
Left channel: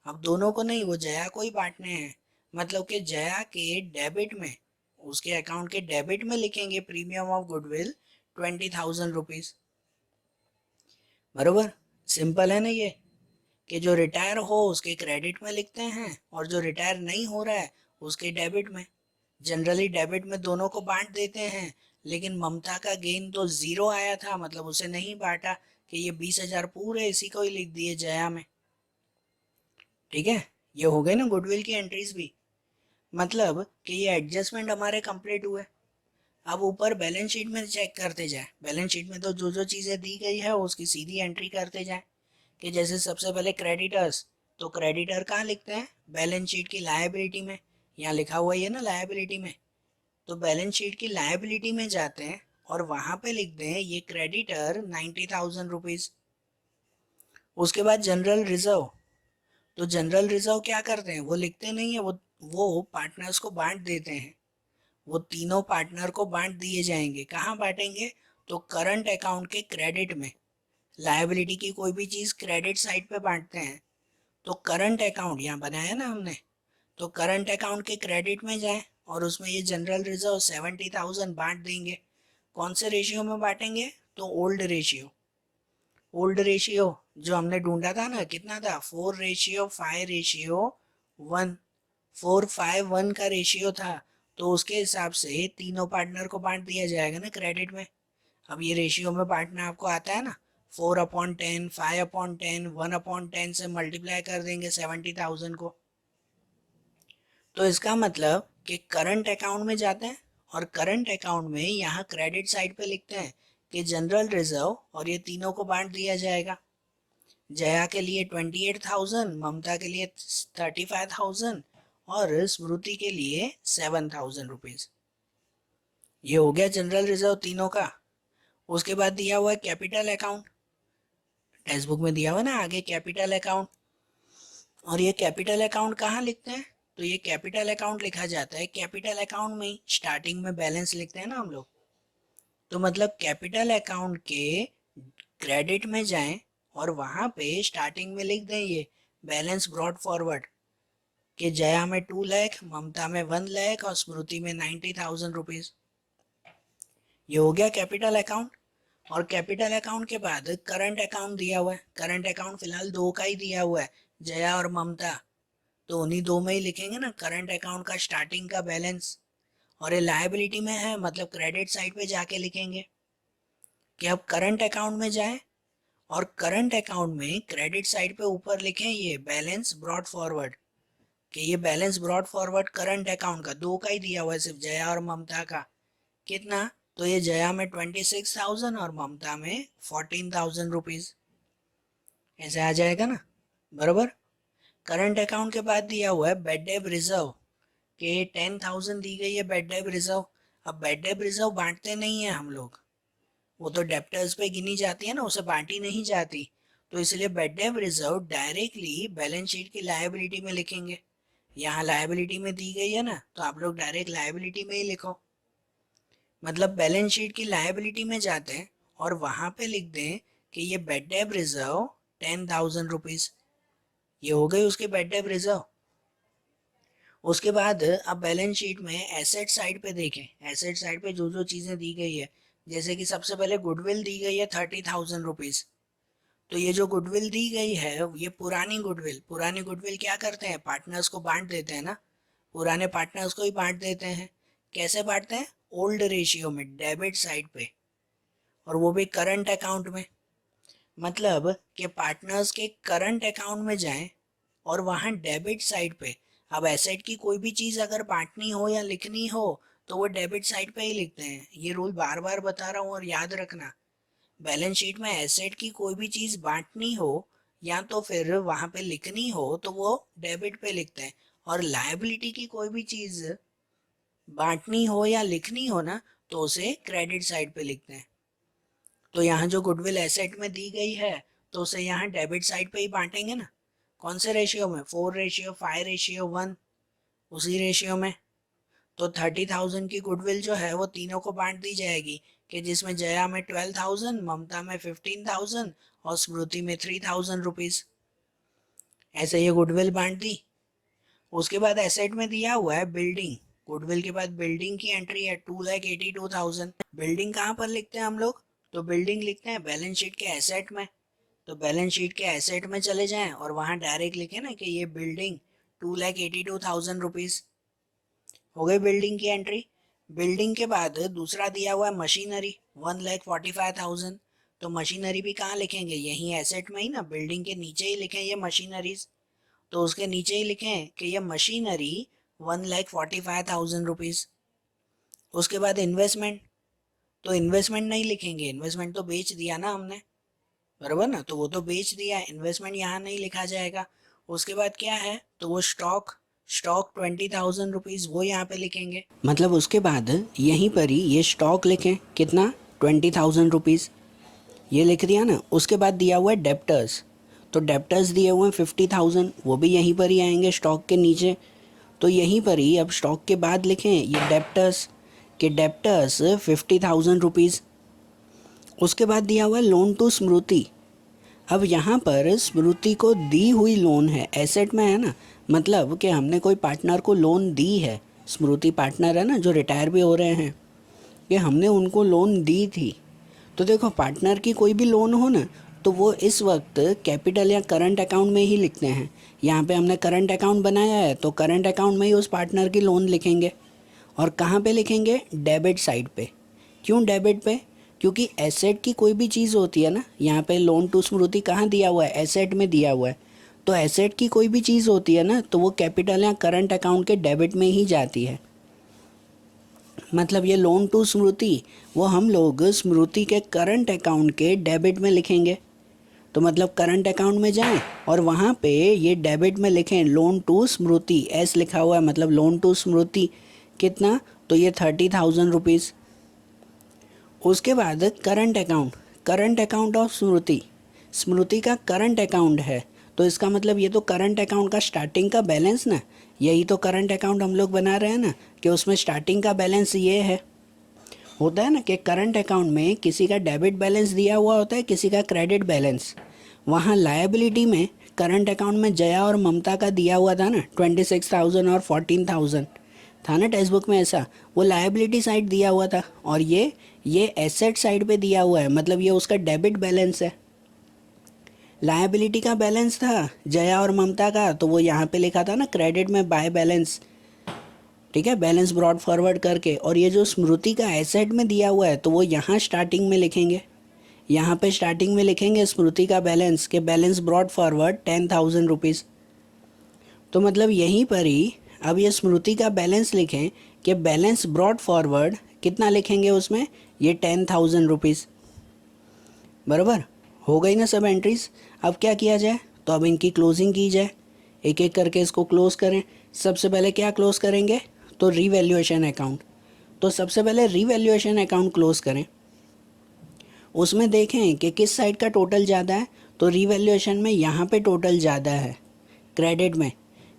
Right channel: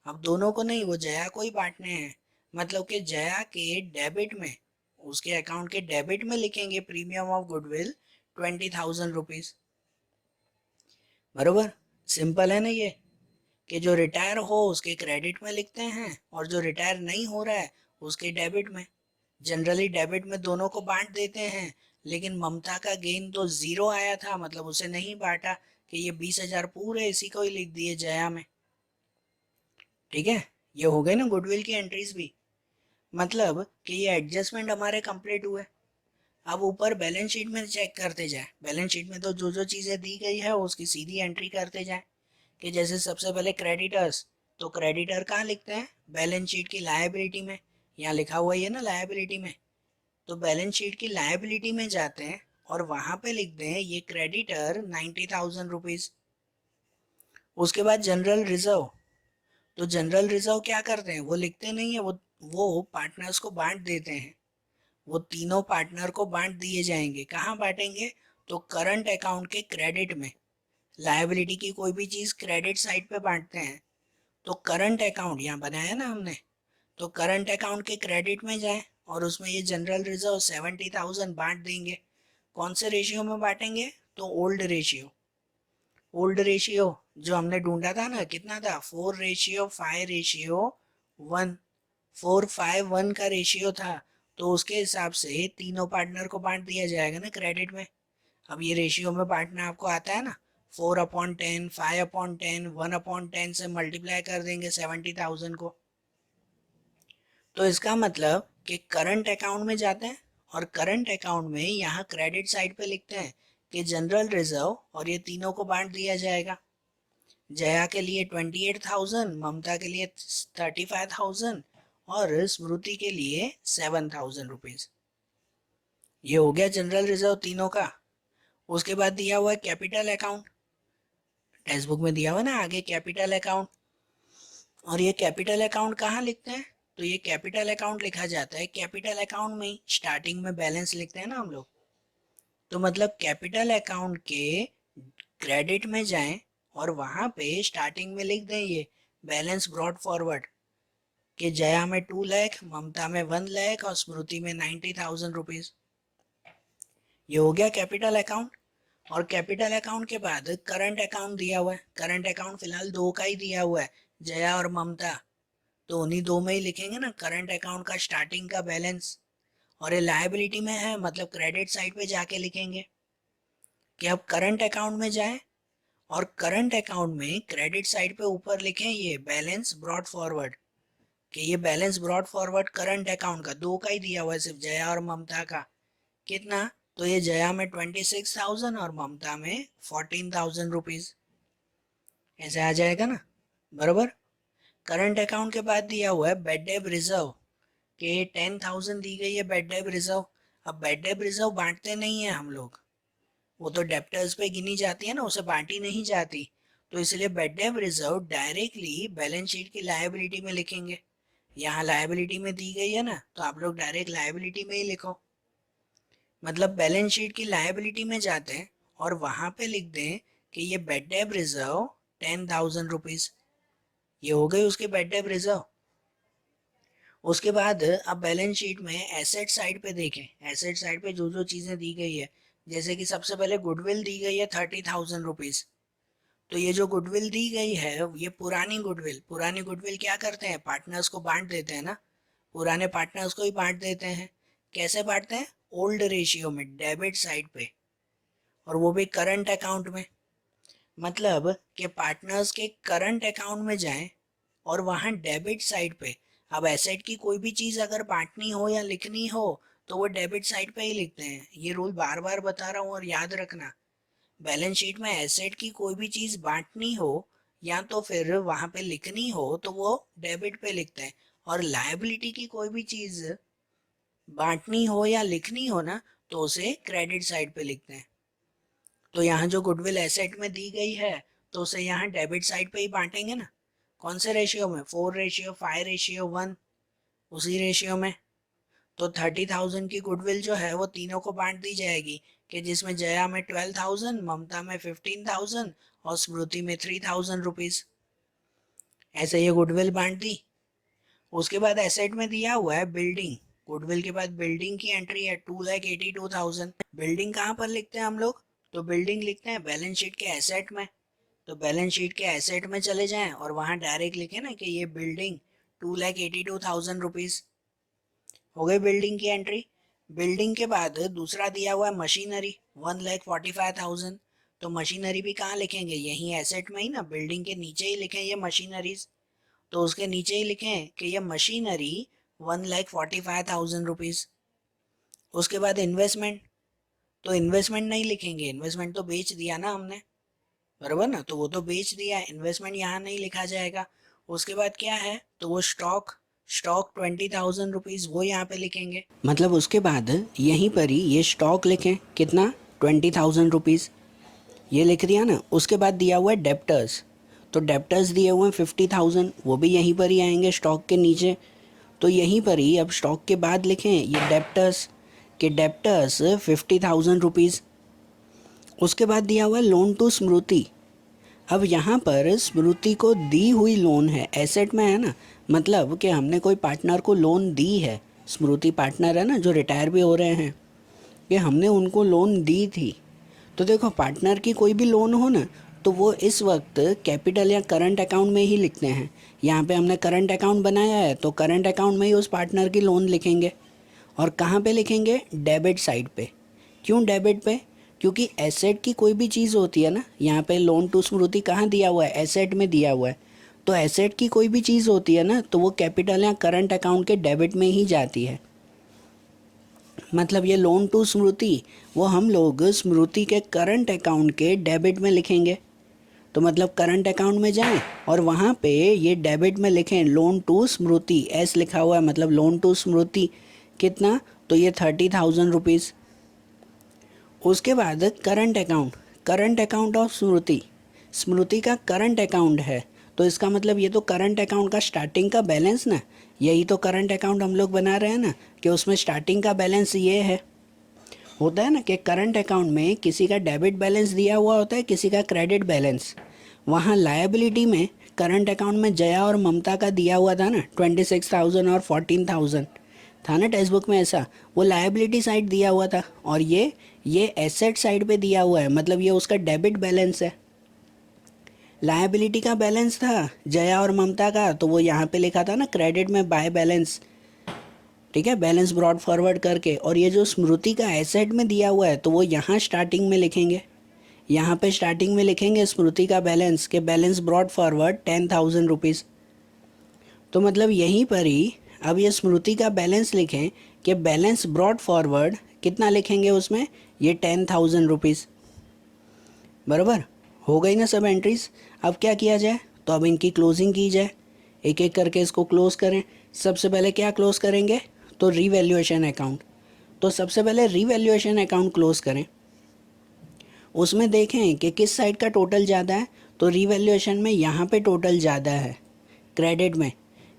अब दोनों को नहीं, वो जया को ही बांटने हैं, मतलब कि जया के डेबिट में, उसके अकाउंट के डेबिट में लिखेंगे प्रीमियम ऑफ गुडविल 20,000 रुपीज। बरोबर, सिंपल है ना ये, कि जो रिटायर हो उसके क्रेडिट में लिखते हैं और जो रिटायर नहीं हो रहा है उसके डेबिट में। जनरली डेबिट में दोनों को बांट देते हैं, लेकिन ममता का गेन तो जीरो आया था, मतलब उसे नहीं बांटा, कि ये 20,000 पूरे इसी को ही लिख दिए जया में। ठीक है, ये हो गए ना गुडविल की एंट्रीज भी। मतलब कि ये एडजस्टमेंट हमारे कंप्लीट हुए। अब ऊपर बैलेंस शीट में चेक करते जाए, बैलेंस शीट में तो जो जो चीज़ें दी गई है उसकी सीधी एंट्री करते जाए। कि जैसे सबसे पहले क्रेडिटर्स, तो क्रेडिटर कहाँ लिखते हैं, बैलेंस शीट की लायबिलिटी में। यहाँ लिखा हुआ ही है ना लायबिलिटी में, तो बैलेंस शीट की लायबिलिटी में जाते हैं और वहां पे लिखते हैं ये क्रेडिटर 90,000 रुपीज। उसके बाद जनरल रिजर्व, तो जनरल रिजर्व क्या करते हैं, वो लिखते नहीं है, वो पार्टनर्स को बांट देते हैं। वो तीनों पार्टनर को बांट दिए जाएंगे। कहाँ बांटेंगे, तो करंट अकाउंट के क्रेडिट में। लायबिलिटी की कोई भी चीज क्रेडिट साइड पे बांटते हैं, तो करंट अकाउंट यहाँ बनाया ना हमने, तो करंट अकाउंट के क्रेडिट में जाए और उसमें ये जनरल रिजर्व 70,000 बांट देंगे। कौन से रेशियो में बांटेंगे, तो ओल्ड रेशियो। ओल्ड रेशियो जो हमने ढूंढा था ना, कितना था, 4:5:1, 4:5:1 का रेशियो था। तो उसके हिसाब से तीनों पार्टनर को बांट दिया जाएगा ना क्रेडिट में। अब ये रेशियो में बांटना आपको आता है ना, 4/10, 5/10, 1/10 से मल्टीप्लाई कर देंगे 70,000 को। तो इसका मतलब कि करंट अकाउंट में जाते हैं और करंट अकाउंट में यहाँ क्रेडिट साइड पे लिखते हैं कि जनरल रिजर्व, और ये तीनों को बांट दिया जाएगा। जया के लिए 28,000, ममता के लिए 35,000 और स्मृति के लिए 7,000 रुपीज। ये हो गया जनरल रिजर्व तीनों का। उसके बाद दिया हुआ है कैपिटल अकाउंट, टेक्स्ट बुक में दिया हुआ ना आगे कैपिटल अकाउंट। और ये कैपिटल अकाउंट कहाँ लिखते हैं, तो ये कैपिटल अकाउंट लिखा जाता है कैपिटल अकाउंट में ही, स्टार्टिंग में बैलेंस लिखते हैं ना हम लोग। तो मतलब कैपिटल अकाउंट के क्रेडिट में जाएं और वहां पे स्टार्टिंग में लिख दें ये बैलेंस ब्रॉड फॉरवर्ड, कि जया में 2 लाख, ममता में 1 लाख और स्मृति में 90,000 रुपीज। ये हो गया कैपिटल अकाउंट। और कैपिटल अकाउंट के बाद करंट अकाउंट दिया हुआ है। करंट अकाउंट फिलहाल दो का ही दिया हुआ है, जया और ममता, तो उन्हीं दो में ही लिखेंगे ना करंट अकाउंट का स्टार्टिंग का बैलेंस। और ये लायबिलिटी में है, मतलब क्रेडिट साइड पे जाके लिखेंगे कि अब करंट अकाउंट में जाए और करंट अकाउंट में क्रेडिट साइड पे ऊपर लिखें ये बैलेंस ब्रॉड फॉरवर्ड, कि ये balance brought forward current account का दो का ही दिया हुआ है, सिर्फ जया और ममता का। कितना, तो ये जया में 26,000 और ममता में 14,000 रुपीज। ऐसे आ जाएगा ना, बराबर। करंट अकाउंट के बाद दिया हुआ है बेड डेब रिजर्व, कि 10,000 दी गई है बेड डेब रिजर्व। अब बेड डेब रिजर्व बांटते नहीं है हम लोग, वो तो डेप्टर्स पे गिनी जाती है ना, उसे बांटी नहीं जाती। तो इसलिए bad debt reserve directly balance sheet की लायबिलिटी में लिखेंगे। यहाँ लायबिलिटी में दी गई है ना, तो आप लोग डायरेक्ट लायबिलिटी में ही लिखो। मतलब बैलेंस शीट की लायबिलिटी में जाते हैं और वहां पे लिख दें कि ये बेड डेब रिजर्व 10,000 रुपीज। ये हो गई उसकी बेड डेब रिजर्व। उसके बाद अब बैलेंस शीट में एसेट साइड पे देखें, एसेट साइड पे जो जो चीजें दी गई है, जैसे कि सबसे पहले गुडविल दी गई है 30,000 रुपीज। तो ये जो गुडविल दी गई है ये पुरानी गुडविल, पुरानी गुडविल क्या करते हैं, पार्टनर्स को बांट देते हैं ना, पुराने पार्टनर्स को ही बांट देते हैं। कैसे बांटते हैं, ओल्ड रेशियो में, डेबिट साइड पे, और वो भी करंट अकाउंट में। मतलब कि पार्टनर्स के करंट अकाउंट में जाएं और वहां डेबिट साइड पे, अब एसेट की कोई भी चीज अगर बांटनी हो या लिखनी हो तो वो डेबिट साइड पे ही लिखते हैं। ये रूल बार बार बता रहा हूँ और याद रखना, बैलेंस शीट में एसेट की कोई भी चीज बांटनी हो या तो फिर वहां पे लिखनी हो तो वो डेबिट पे लिखते हैं, और लायबिलिटी की कोई भी चीज बांटनी हो या लिखनी हो ना तो उसे क्रेडिट साइड पे लिखते हैं। तो यहाँ जो गुडविल एसेट में दी गई है तो उसे यहाँ डेबिट साइड पे ही बांटेंगे ना। कौन से रेशियो में, 4:5:1, उसी रेशियो में। तो 30,000 की गुडविल जो है वो तीनों को बांट दी जाएगी, कि जिसमें जया में 12,000, ममता में 15,000 और स्मृति में 3,000 रुपीज। ऐसे ये गुडविल बांट दी। उसके बाद एसेट में दिया हुआ है बिल्डिंग, गुडविल के बाद बिल्डिंग की एंट्री है 2,82,000। बिल्डिंग कहाँ पर लिखते हैं हम लोग, तो बिल्डिंग लिखते हैं बैलेंस शीट के एसेट में। तो बैलेंस शीट के एसेट में चले जाएं और वहां डायरेक्ट लिखे ना कि ये बिल्डिंग 2,82,000 रुपीज हो गई बिल्डिंग की एंट्री। बिल्डिंग के बाद दूसरा दिया हुआ है मशीनरी 1,45,000। तो मशीनरी भी कहाँ लिखेंगे, यही एसेट में ही ना, बिल्डिंग के नीचे ही लिखें ये मशीनरीज। तो उसके नीचे ही लिखें कि ये मशीनरी 1,45,000 रुपीज। उसके बाद इन्वेस्टमेंट, तो इन्वेस्टमेंट नहीं लिखेंगे, इन्वेस्टमेंट तो बेच दिया ना हमने, बराबर ना, तो वो तो बेच दिया, इन्वेस्टमेंट यहाँ नहीं लिखा जाएगा। उसके बाद क्या है, तो वो स्टॉक, स्टॉक 20,000 रुपीज वो यहाँ पे लिखेंगे। मतलब उसके बाद यहीं पर ही ये स्टॉक लिखें, कितना, 20,000 रुपीज, ये लिख दिया ना। उसके बाद दिया हुआ है डेप्टर्स, तो डेप्टर्स दिए हुए हैं 50,000, वो भी यहीं पर ही आएंगे स्टॉक के नीचे। तो यहीं पर ही अब स्टॉक के बाद लिखें ये डेप्टर्स, के डेप्टर्स 50,000 रुपीज़। उसके बाद दिया हुआ लोन टू स्मृति। अब यहाँ पर स्मृति को दी हुई लोन है, एसेट में है ना, मतलब कि हमने कोई पार्टनर को लोन दी है, स्मृति पार्टनर है ना जो रिटायर भी हो रहे हैं, ये हमने उनको लोन दी थी। तो देखो पार्टनर की कोई भी लोन हो ना, तो वो इस वक्त कैपिटल या करंट अकाउंट में ही लिखते हैं। यहाँ पे हमने करंट अकाउंट बनाया है, तो करंट अकाउंट में ही उस पार्टनर की लोन लिखेंगे। और कहाँ पे लिखेंगे, डेबिट साइड पे। क्यों डेबिट पे, क्योंकि एसेट की कोई भी चीज़ होती है ना, यहाँ पे लोन टू स्मृति कहाँ दिया हुआ है, एसेट में दिया हुआ है। तो एसेट की कोई भी चीज़ होती है ना, तो वो कैपिटल या करंट अकाउंट के डेबिट में ही जाती है। मतलब ये लोन टू स्मृति वो हम लोग स्मृति के करंट अकाउंट के डेबिट में लिखेंगे। तो मतलब करंट अकाउंट में जाएं और वहाँ पे ये डेबिट में लिखें लोन टू स्मृति, एस लिखा हुआ है, मतलब लोन टू स्मृति कितना, तो ये 30,000 रुपीज़। उसके बाद current account, current account of Smriti, Smriti का करंट अकाउंट है, तो इसका मतलब ये तो करंट अकाउंट का स्टार्टिंग का बैलेंस ना, यही तो करंट अकाउंट हम लोग बना रहे हैं ना, कि उसमें स्टार्टिंग का बैलेंस ये है। होता है ना कि करंट अकाउंट में किसी का डेबिट बैलेंस दिया हुआ होता है, किसी का क्रेडिट बैलेंस। वहाँ लायबिलिटी में करंट अकाउंट में जया और ममता का दिया हुआ था ना 26,000 और 14,000 था ना टेक्स्ट बुक में, ऐसा वो लायबिलिटी साइड दिया हुआ था। और ये एसेट साइड पे दिया हुआ है, मतलब ये उसका डेबिट बैलेंस है। लायबिलिटी का बैलेंस था जया और ममता का, तो वो यहाँ पे लिखा था ना क्रेडिट में बाय बैलेंस, ठीक है, बैलेंस ब्रॉड फॉरवर्ड करके। और ये जो स्मृति का एसेट में दिया हुआ है, तो वो यहाँ स्टार्टिंग में लिखेंगे, यहाँ पे स्टार्टिंग में लिखेंगे स्मृति का बैलेंस, के बैलेंस ब्रॉड फॉरवर्ड 10,000 रुपीज़। तो मतलब यहीं पर ही अब ये स्मृति का बैलेंस लिखें कि बैलेंस ब्रॉड फॉरवर्ड कितना लिखेंगे उसमें, ये 10,000 रुपीज़। बराबर हो गई ना सब एंट्रीज। अब क्या किया जाए, तो अब इनकी क्लोजिंग की जाए, एक एक करके इसको क्लोज करें। सबसे पहले क्या क्लोज करेंगे, तो रीवैल्यूएशन अकाउंट। तो सबसे पहले रीवैल्यूएशन अकाउंट क्लोज करें, उसमें देखें कि किस साइड का टोटल ज़्यादा है। तो रीवैल्यूएशन में यहाँ पे टोटल ज़्यादा है, क्रेडिट में,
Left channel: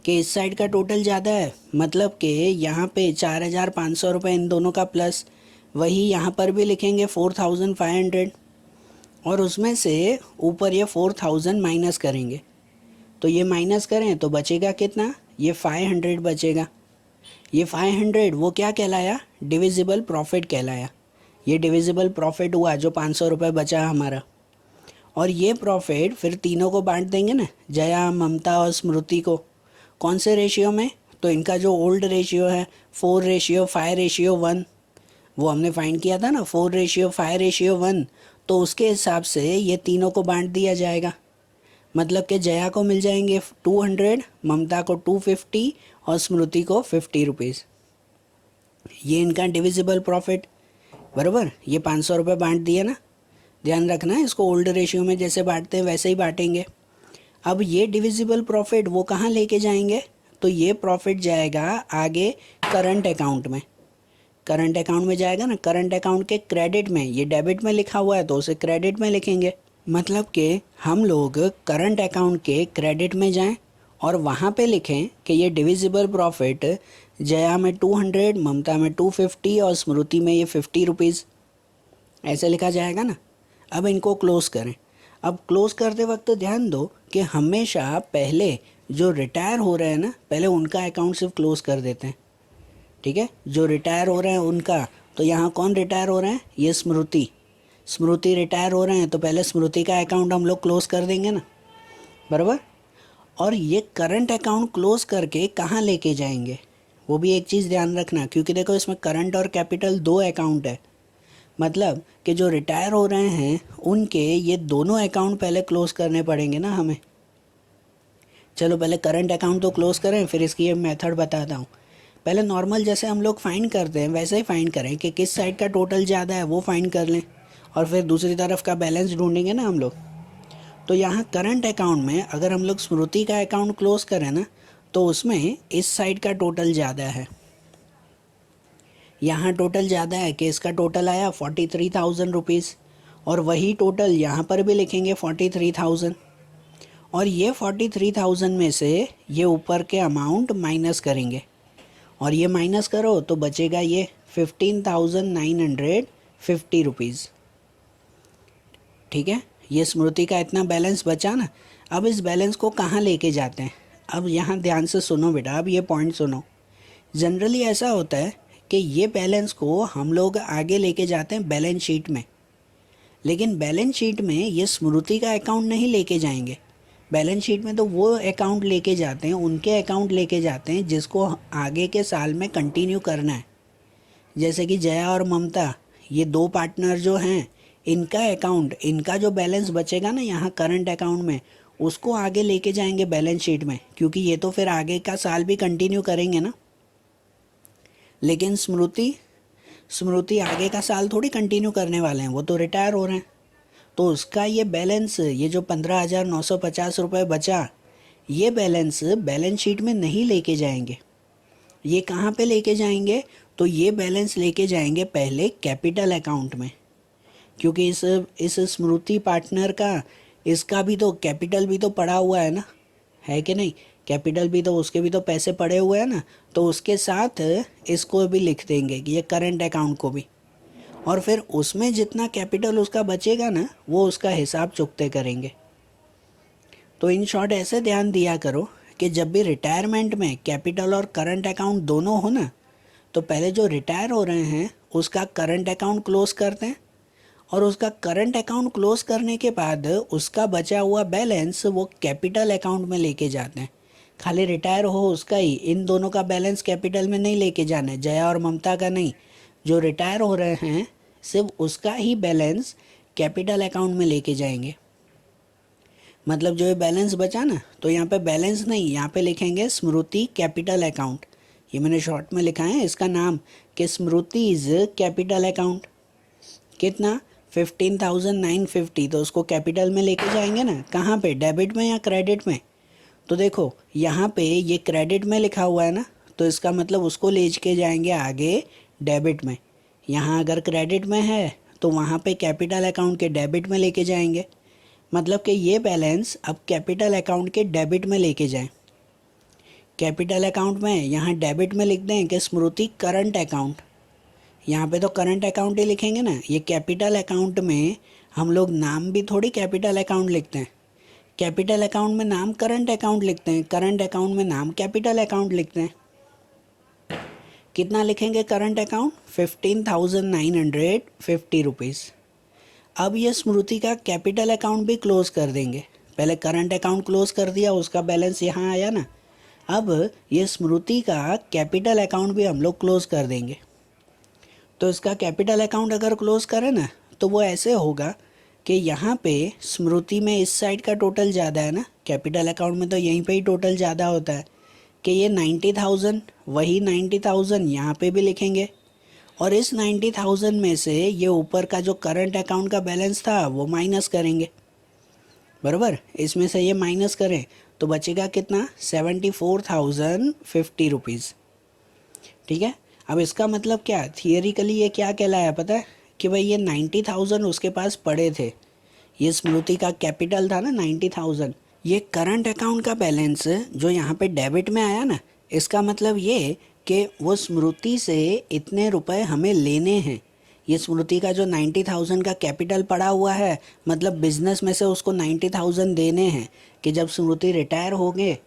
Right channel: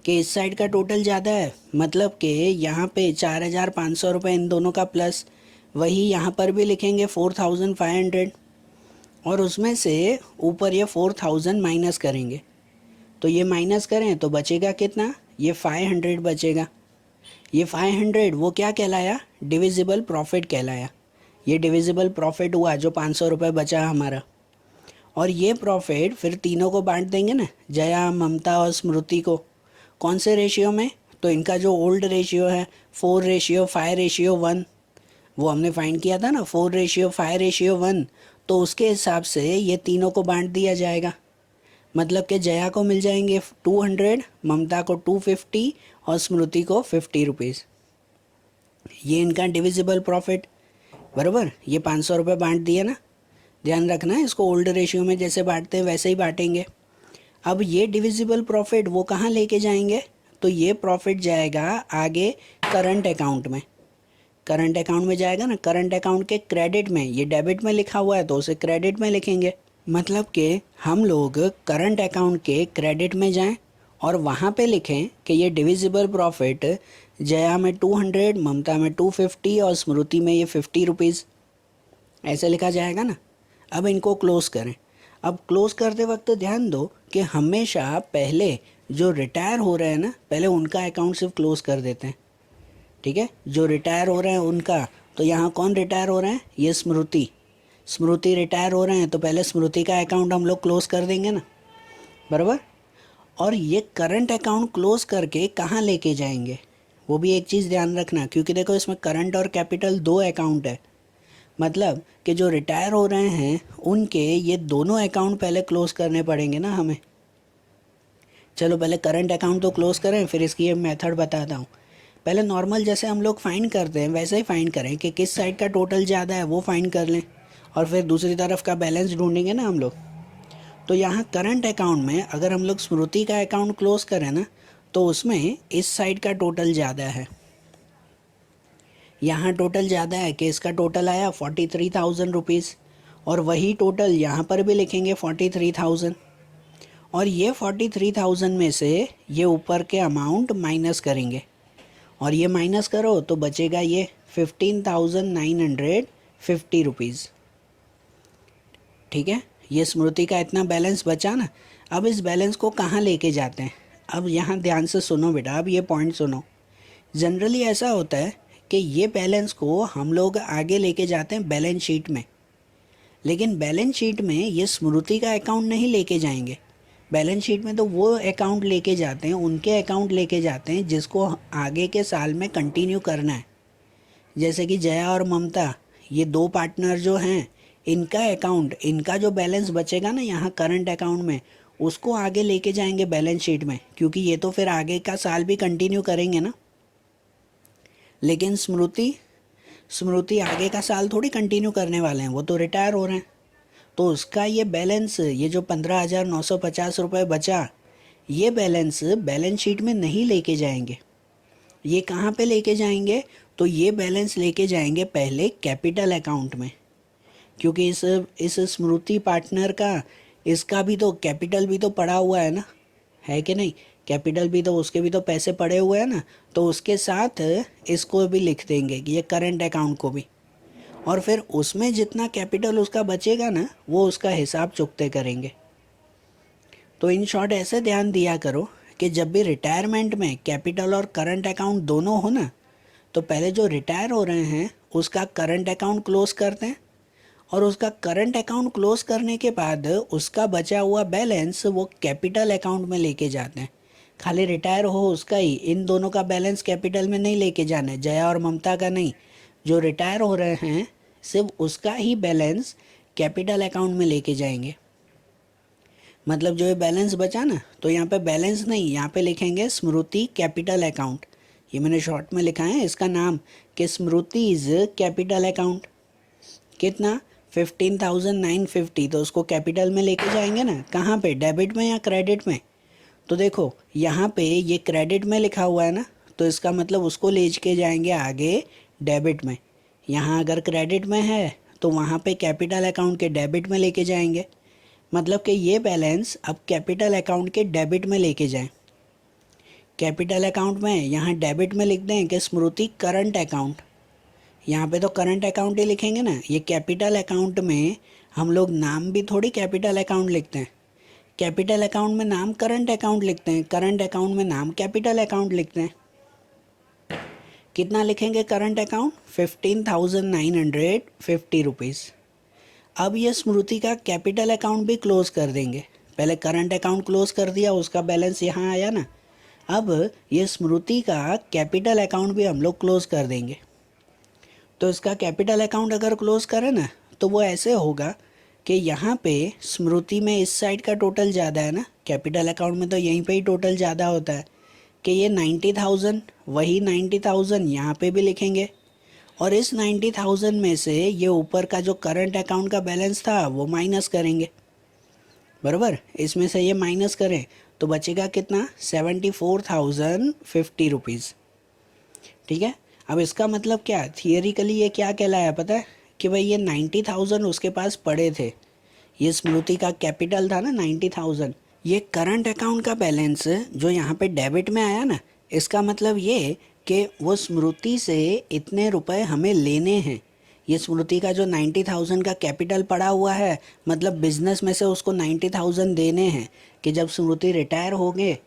कि इस साइड का टोटल ज़्यादा है, मतलब कि यहाँ पे 4,500 रुपये इन दोनों का प्लस, वही यहाँ पर भी लिखेंगे 4,500, और उसमें से ऊपर ये 4,000 माइनस करेंगे। तो ये माइनस करें तो बचेगा कितना, ये 500 बचेगा। ये 500 वो क्या कहलाया, डिविजिबल प्रॉफिट कहलाया। ये डिविजिबल प्रॉफिट हुआ जो 500 रुपये बचा हमारा। और ये प्रॉफिट फिर तीनों को बांट देंगे ना, जया ममता और स्मृति को। कौन से रेशियो में, तो इनका जो ओल्ड रेशियो है 4:5:1, वो हमने फाइंड किया था ना 4:5:1, तो उसके हिसाब से ये तीनों को बांट दिया जाएगा। मतलब कि जया को मिल जाएंगे 200, ममता को 250 और स्मृति को 50 रुपीज़। ये इनका डिविजिबल प्रॉफिट, बराबर, ये 500 रुपये बांट दिए ना, ध्यान रखना है इसको ओल्ड रेशियो में जैसे बांटते हैं वैसे ही बांटेंगे। अब ये डिविजिबल प्रॉफिट वो कहाँ लेके जाएंगे, तो ये प्रॉफिट जाएगा आगे करंट अकाउंट में, करंट अकाउंट में जाएगा ना, करंट अकाउंट के क्रेडिट में, ये डेबिट में लिखा हुआ है तो उसे क्रेडिट में लिखेंगे। मतलब कि हम लोग करंट अकाउंट के क्रेडिट में जाएं और वहाँ पे लिखें कि ये डिविजिबल प्रॉफिट जया में 200, ममता में 250 और स्मृति में ये 50 रुपीज़, ऐसे लिखा जाएगा ना। अब इनको क्लोज करें। अब क्लोज करते वक्त ध्यान दो कि हमेशा पहले जो रिटायर हो रहे हैं ना, पहले उनका अकाउंट सिर्फ क्लोज कर देते हैं, ठीक है। जो रिटायर हो रहे हैं उनका, तो यहाँ कौन रिटायर हो रहे हैं, ये स्मृति। स्मृति रिटायर हो रहे हैं तो पहले स्मृति का अकाउंट हम लोग क्लोज कर देंगे ना, बराबर। और ये करंट अकाउंट क्लोज करके कहाँ लेके जाएंगे, वो भी एक चीज़ ध्यान रखना, क्योंकि देखो इसमें करंट और कैपिटल दो अकाउंट है। मतलब कि जो रिटायर हो रहे हैं उनके ये दोनों अकाउंट पहले क्लोज करने पड़ेंगे ना हमें। चलो पहले करंट अकाउंट तो क्लोज करें, फिर इसकी ये मेथड बताता हूँ। पहले नॉर्मल जैसे हम लोग फाइंड करते हैं वैसे ही फाइंड करें कि किस साइड का टोटल ज़्यादा है वो फाइंड कर लें, और फिर दूसरी तरफ का बैलेंस ढूंढेंगे ना हम लोग। तो यहाँ करंट अकाउंट में अगर हम लोग स्मृति का अकाउंट क्लोज करें ना, तो उसमें इस साइड का टोटल ज़्यादा है। यहाँ टोटल ज़्यादा है कि इसका टोटल आया 43,000 रुपीज़, और वही टोटल यहाँ पर भी लिखेंगे 43,000, और ये 43,000 में से ये ऊपर के अमाउंट माइनस करेंगे, और ये माइनस करो तो बचेगा ये 15,950 रुपीज़, ठीक है। ये स्मृति का इतना बैलेंस बचा ना। अब इस बैलेंस को कहाँ लेके जाते हैं, अब यहाँ ध्यान से सुनो बेटा, अब ये पॉइंट सुनो। जनरली ऐसा होता है कि ये बैलेंस को हम लोग आगे लेके जाते हैं बैलेंस शीट में, लेकिन बैलेंस शीट में ये स्मृति का अकाउंट नहीं लेके जाएंगे। बैलेंस शीट में तो वो अकाउंट लेके जाते हैं, उनके अकाउंट लेके जाते हैं जिसको आगे के साल में कंटिन्यू करना है। जैसे कि जया और ममता, ये दो पार्टनर जो हैं, इनका अकाउंट, इनका जो बैलेंस बचेगा ना यहाँ करंट अकाउंट में, उसको आगे लेके जाएंगे बैलेंस शीट में, क्योंकि ये तो फिर आगे का साल भी कंटिन्यू करेंगे ना। लेकिन स्मृति आगे का साल थोड़ी कंटिन्यू करने वाले हैं, वो तो रिटायर हो रहे हैं। तो उसका ये बैलेंस, ये जो 15,950 रुपये बचा, ये बैलेंस बैलेंस शीट में नहीं लेके जाएंगे। ये कहाँ पे लेके जाएंगे, तो ये बैलेंस लेके जाएंगे पहले कैपिटल अकाउंट में, क्योंकि इस स्मृति पार्टनर का, इसका भी तो कैपिटल भी तो पड़ा हुआ है ना, है कि नहीं। कैपिटल भी तो, उसके भी तो पैसे पड़े हुए हैं ना, तो उसके साथ इसको भी लिख देंगे कि ये करंट अकाउंट को भी, और फिर उसमें जितना कैपिटल उसका बचेगा ना, वो उसका हिसाब चुकते करेंगे। तो इन शॉर्ट ऐसे ध्यान दिया करो कि जब भी रिटायरमेंट में कैपिटल और करंट अकाउंट दोनों हो ना, तो पहले जो रिटायर हो रहे हैं उसका करंट अकाउंट क्लोज करते हैं, और उसका करंट अकाउंट क्लोज करने के बाद उसका बचा हुआ बैलेंस वो कैपिटल अकाउंट में लेके जाते हैं। खाली रिटायर हो उसका ही, इन दोनों का बैलेंस कैपिटल में नहीं लेके जाना है, जया और ममता का नहीं। जो रिटायर हो रहे हैं सिर्फ उसका ही बैलेंस कैपिटल अकाउंट में लेके जाएंगे। मतलब जो ये बैलेंस बचा ना, तो यहाँ पे बैलेंस नहीं, यहाँ पे लिखेंगे स्मृति कैपिटल अकाउंट। ये मैंने शॉर्ट में लिखा है इसका नाम कि स्मृतिज कैपिटल अकाउंट। कितना, 15,950, तो उसको कैपिटल में लेके जाएंगे ना। कहाँ पे, डेबिट में या क्रेडिट में। तो देखो यहाँ पे ये क्रेडिट में लिखा हुआ है ना, तो इसका मतलब उसको ले के जाएंगे आगे डेबिट में। यहाँ अगर क्रेडिट में है तो वहाँ पे कैपिटल अकाउंट के डेबिट में लेके जाएंगे। मतलब कि ये बैलेंस अब कैपिटल अकाउंट के डेबिट में लेके जाएं। कैपिटल अकाउंट में यहाँ डेबिट में लिख दें कि स्मृति करंट अकाउंट। यहाँ पे तो करंट अकाउंट ही लिखेंगे ना। ये कैपिटल अकाउंट में हम लोग नाम भी थोड़ी कैपिटल अकाउंट लिखते हैं। कैपिटल अकाउंट में नाम करंट अकाउंट लिखते हैं, करंट अकाउंट में नाम कैपिटल अकाउंट लिखते हैं। कितना लिखेंगे करंट अकाउंट, 15,950 रुपीज़। अब ये स्मृति का कैपिटल अकाउंट भी क्लोज कर देंगे। पहले करंट अकाउंट क्लोज कर दिया, उसका बैलेंस यहाँ आया ना। अब ये स्मृति का कैपिटल अकाउंट भी हम लोग क्लोज कर देंगे। तो इसका कैपिटल अकाउंट अगर क्लोज करें ना, तो वो ऐसे होगा कि यहाँ पे स्मृति में इस साइड का टोटल ज़्यादा है ना, कैपिटल अकाउंट में तो यहीं पे ही टोटल ज़्यादा होता है कि ये 90,000, वही 90,000 यहाँ पे भी लिखेंगे, और इस 90,000 में से ये ऊपर का जो करंट अकाउंट का बैलेंस था वो माइनस करेंगे, बराबर। इसमें से ये माइनस करें तो बचेगा कितना, 74,050 रुपीज़, ठीक है। अब इसका मतलब क्या, थियरिकली ये क्या कहलाया पता है, कि भाई ये 90,000 उसके पास पड़े थे, ये स्मृति का कैपिटल था ना 90,000, ये करंट अकाउंट का बैलेंस जो यहाँ पे डेबिट में आया ना, इसका मतलब ये कि वो स्मृति से इतने रुपए हमें लेने हैं। ये स्मृति का जो 90,000 का कैपिटल पड़ा हुआ है, मतलब बिजनेस में से उसको 90,000 देने हैं कि जब स्मृति रिटायर हो गए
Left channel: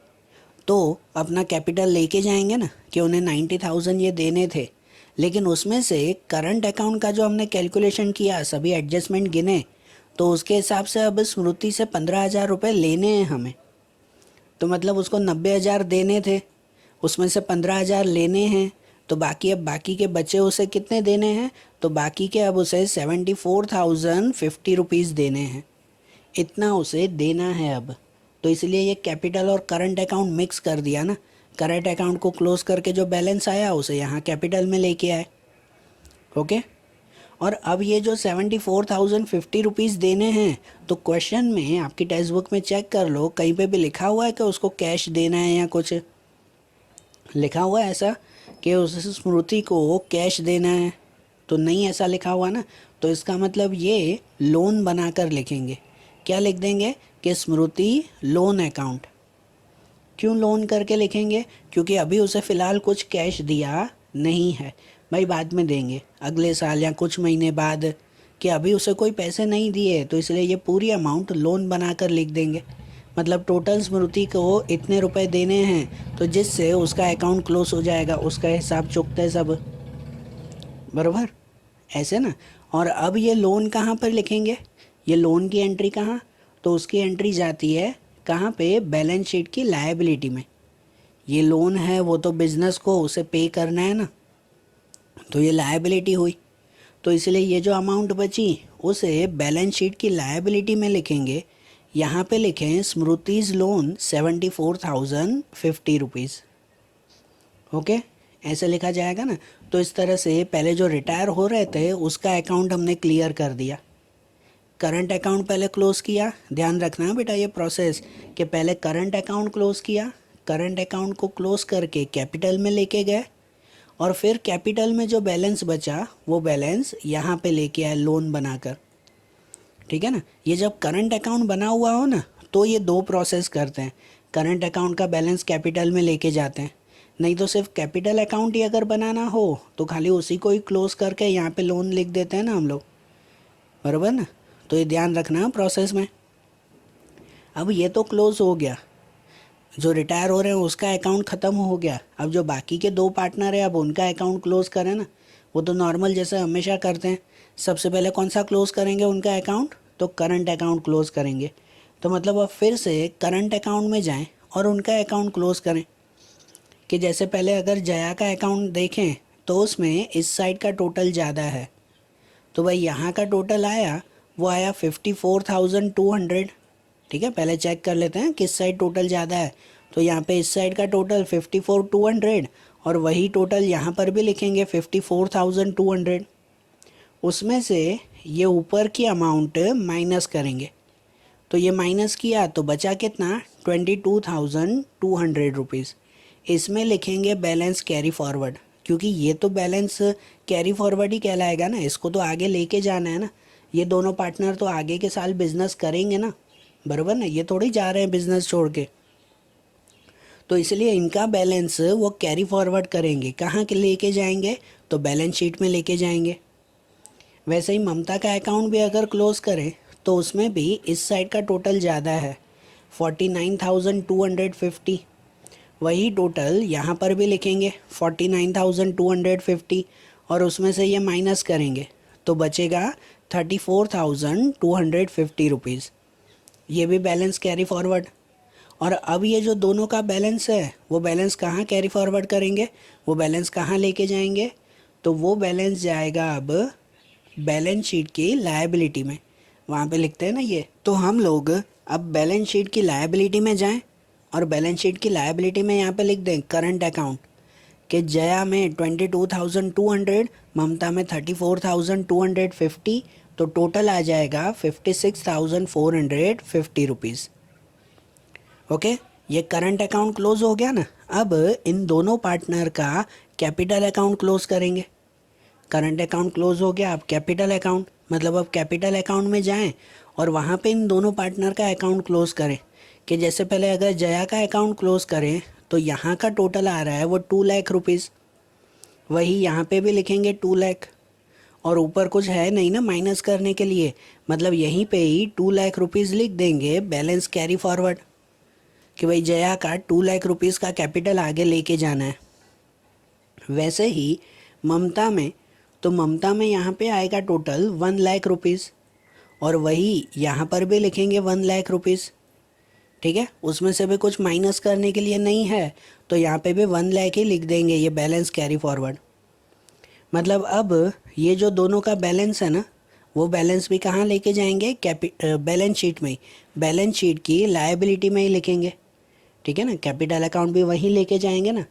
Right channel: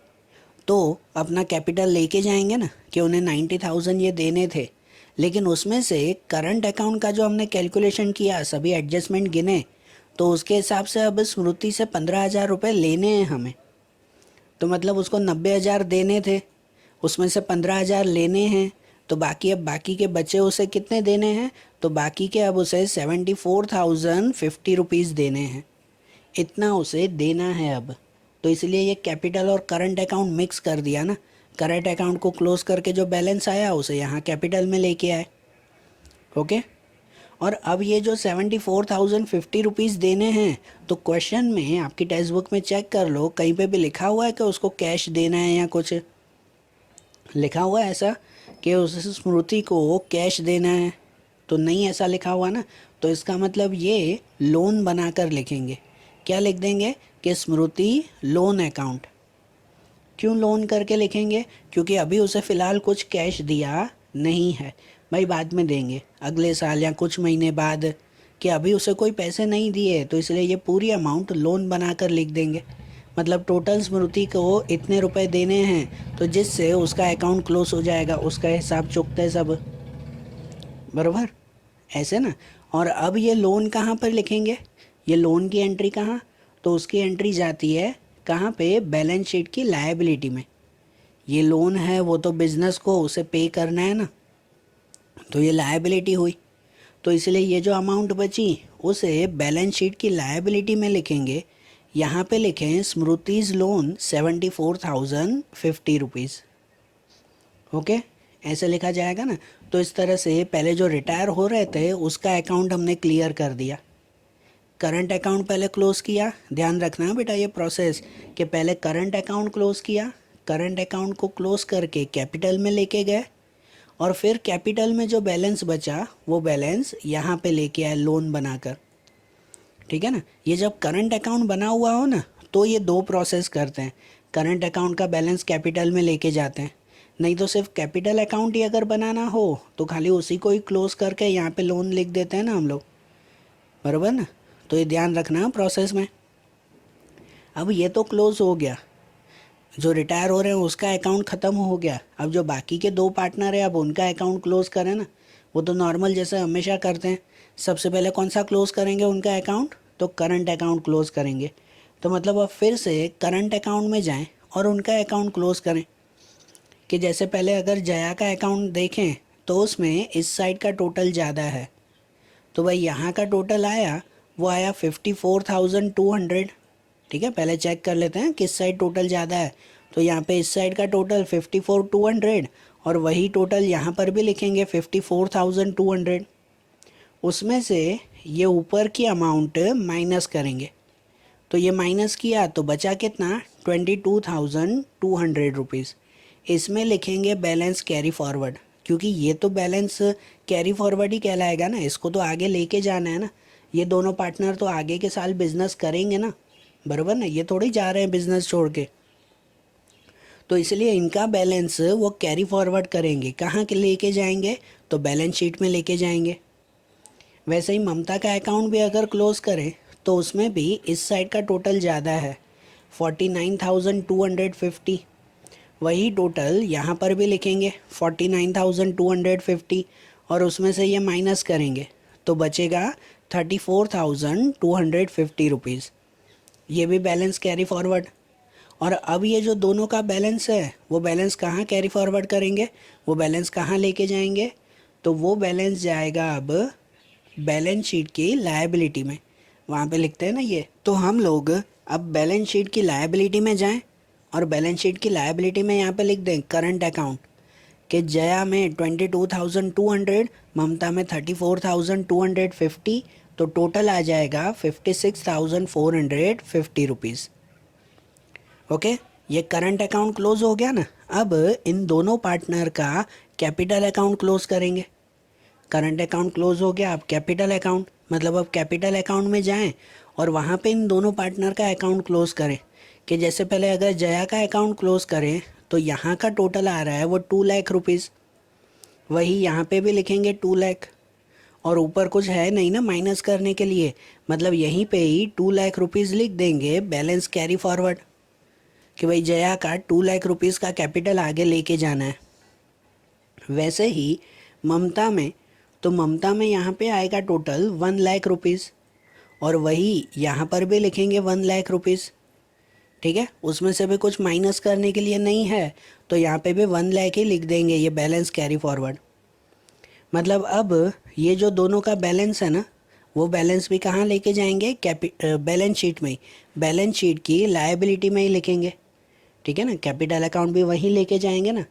तो अपना कैपिटल लेके जाएंगे ना कि उन्हें 90,000 ये देने थे, लेकिन उसमें से करंट अकाउंट का जो हमने कैलकुलेशन किया, सभी एडजस्टमेंट गिने, तो उसके हिसाब से अब स्मृति से 15,000 रुपये लेने हैं हमें। तो मतलब उसको 90,000 देने थे, उसमें से 15,000 लेने हैं, तो बाकी के बचे उसे कितने देने हैं, तो बाकी के अब उसे 74,050 रुपीज़ देने हैं, इतना उसे देना है अब। तो इसलिए ये कैपिटल और करंट अकाउंट मिक्स कर दिया ना, करंट अकाउंट को क्लोज करके जो बैलेंस आया उसे यहाँ कैपिटल में लेके आए। ओके, और अब ये जो 74,050 रुपीज़ देने हैं, तो क्वेश्चन में आपकी टेक्स्ट बुक में चेक कर लो, कहीं पे भी लिखा हुआ है कि उसको कैश देना है या कुछ लिखा हुआ है ऐसा कि उस स्मृति को कैश देना है? तो नहीं ऐसा लिखा हुआ ना, तो इसका मतलब ये लोन बनाकर लिखेंगे। क्या लिख देंगे कि स्मृति लोन अकाउंट। क्यों लोन करके लिखेंगे? क्योंकि अभी उसे फ़िलहाल कुछ कैश दिया नहीं है, भाई बाद में देंगे अगले साल या कुछ महीने बाद, कि अभी उसे कोई पैसे नहीं दिए, तो इसलिए ये पूरी अमाउंट लोन बनाकर लिख देंगे। मतलब टोटल स्मृति को इतने रुपए देने हैं, तो जिससे उसका अकाउंट क्लोज हो जाएगा, उसका हिसाब चुकते सब, बराबर ऐसे ना। और अब ये लोन कहाँ पर लिखेंगे? ये लोन की एंट्री कहाँ? तो उसकी एंट्री जाती है कहाँ पे? बैलेंस शीट की लायबिलिटी में। ये लोन है वो तो बिजनेस को उसे पे करना है ना, तो ये लायबिलिटी हुई, तो इसलिए ये जो अमाउंट बची उसे बैलेंस शीट की लायबिलिटी में लिखेंगे। यहाँ पे लिखें स्मृतिज लोन 74,050 रुपीज़। ओके, ऐसे लिखा जाएगा ना। तो इस तरह से पहले जो रिटायर हो रहे थे उसका अकाउंट हमने क्लियर कर दिया, करंट अकाउंट पहले क्लोज किया। ध्यान रखना है बेटा ये प्रोसेस कि पहले करंट अकाउंट क्लोज किया, करंट अकाउंट को क्लोज करके कैपिटल में लेके गए, और फिर कैपिटल में जो बैलेंस बचा वो बैलेंस यहाँ पे लेके आए लोन बनाकर। ठीक है ना। ये जब करंट अकाउंट बना हुआ हो ना, तो ये दो प्रोसेस करते हैं, करंट अकाउंट का बैलेंस कैपिटल में लेके जाते हैं। नहीं तो सिर्फ कैपिटल अकाउंट ही अगर बनाना हो तो खाली उसी को ही क्लोज करके यहाँ पे लोन लिख देते हैं ना हम लोग, बराबर ना। तो ये ध्यान रखना प्रोसेस में। अब ये तो क्लोज हो गया, जो रिटायर हो रहे हैं उसका अकाउंट ख़त्म हो गया। अब जो बाकी के दो पार्टनर है अब उनका अकाउंट क्लोज करें ना, वो तो नॉर्मल जैसे हमेशा करते हैं। सबसे पहले कौन सा क्लोज करेंगे उनका अकाउंट? तो करंट अकाउंट क्लोज करेंगे। तो मतलब अब फिर से करंट अकाउंट में जाएं और उनका अकाउंट क्लोज करें। कि जैसे पहले अगर जया का अकाउंट देखें तो उसमें इस साइड का टोटल ज़्यादा है, तो भाई यहाँ का टोटल आया, वो आया 54,200। ठीक है, पहले चेक कर लेते हैं किस साइड टोटल ज़्यादा है। तो यहाँ पे इस साइड का टोटल 54,200, और वही टोटल यहाँ पर भी लिखेंगे 54,200। उसमें से ये ऊपर की अमाउंट माइनस करेंगे, तो ये माइनस किया तो बचा कितना? 22,200 रुपीज़। इसमें लिखेंगे बैलेंस कैरी फॉरवर्ड, क्योंकि ये तो बैलेंस कैरी फॉरवर्ड ही कहलाएगा ना, इसको तो आगे लेके जाना है ना। ये दोनों पार्टनर तो आगे के साल बिजनेस करेंगे ना, बराबर ना, ये थोड़ी जा रहे हैं बिजनेस छोड़ के। तो इसलिए इनका बैलेंस वो कैरी फॉरवर्ड करेंगे, कहाँ के लेके जाएंगे? तो बैलेंस शीट में लेके जाएंगे। वैसे ही ममता का अकाउंट भी अगर क्लोज करें तो उसमें भी इस साइड का टोटल ज़्यादा है 49,250, वही टोटल यहाँ पर भी लिखेंगे 49,250, और उसमें से ये माइनस करेंगे तो बचेगा 34,250 रुपीज़। ये भी बैलेंस कैरी फॉरवर्ड। और अब ये जो दोनों का बैलेंस है वो बैलेंस कहाँ कैरी फॉरवर्ड करेंगे? वो बैलेंस कहाँ लेके जाएंगे? तो वो बैलेंस जाएगा अब बैलेंस शीट की लायबिलिटी में, वहाँ पे लिखते हैं ना ये। तो हम लोग अब बैलेंस शीट की लायबिलिटी में जाएं, और बैलेंस शीट की लायबिलिटी में यहाँ पे लिख दें करंट अकाउंट कि जया में 22,200, ममता में 34,250, तो टोटल आ जाएगा 56,450 रुपीज़। ओके, ये करंट अकाउंट क्लोज हो गया ना। अब इन दोनों पार्टनर का कैपिटल अकाउंट क्लोज करेंगे। करंट अकाउंट क्लोज हो गया, अब कैपिटल अकाउंट, मतलब अब कैपिटल अकाउंट में जाएं और वहाँ पे इन दोनों पार्टनर का अकाउंट क्लोज करें। कि जैसे पहले अगर जया का अकाउंट क्लोज करें तो यहाँ का टोटल आ रहा है वो 2 लाख रुपीज़, वही यहाँ पे भी लिखेंगे 2 लाख, और ऊपर कुछ है नहीं ना माइनस करने के लिए, मतलब यहीं पे ही 2 लाख रुपीज़ लिख देंगे बैलेंस कैरी फॉरवर्ड। कि भाई जया का 2 लाख रुपीज़ का कैपिटल आगे लेके जाना है। वैसे ही ममता में, तो ममता में यहाँ पे आएगा टोटल 1 लाख रुपीज़, और वही यहाँ पर भी लिखेंगे 1 लाख रुपीज़। ठीक है, उसमें से भी कुछ माइनस करने के लिए नहीं है, तो यहाँ पे भी 1 लाख ही लिख देंगे, ये बैलेंस कैरी फॉरवर्ड। मतलब अब ये जो दोनों का बैलेंस है ना, वो बैलेंस भी कहाँ लेके जाएंगे, बैलेंस शीट में ही, बैलेंस शीट की लायबिलिटी में ही लिखेंगे। ठीक है ना, कैपिटल अकाउंट भी वहीं लेके जाएंगे ना।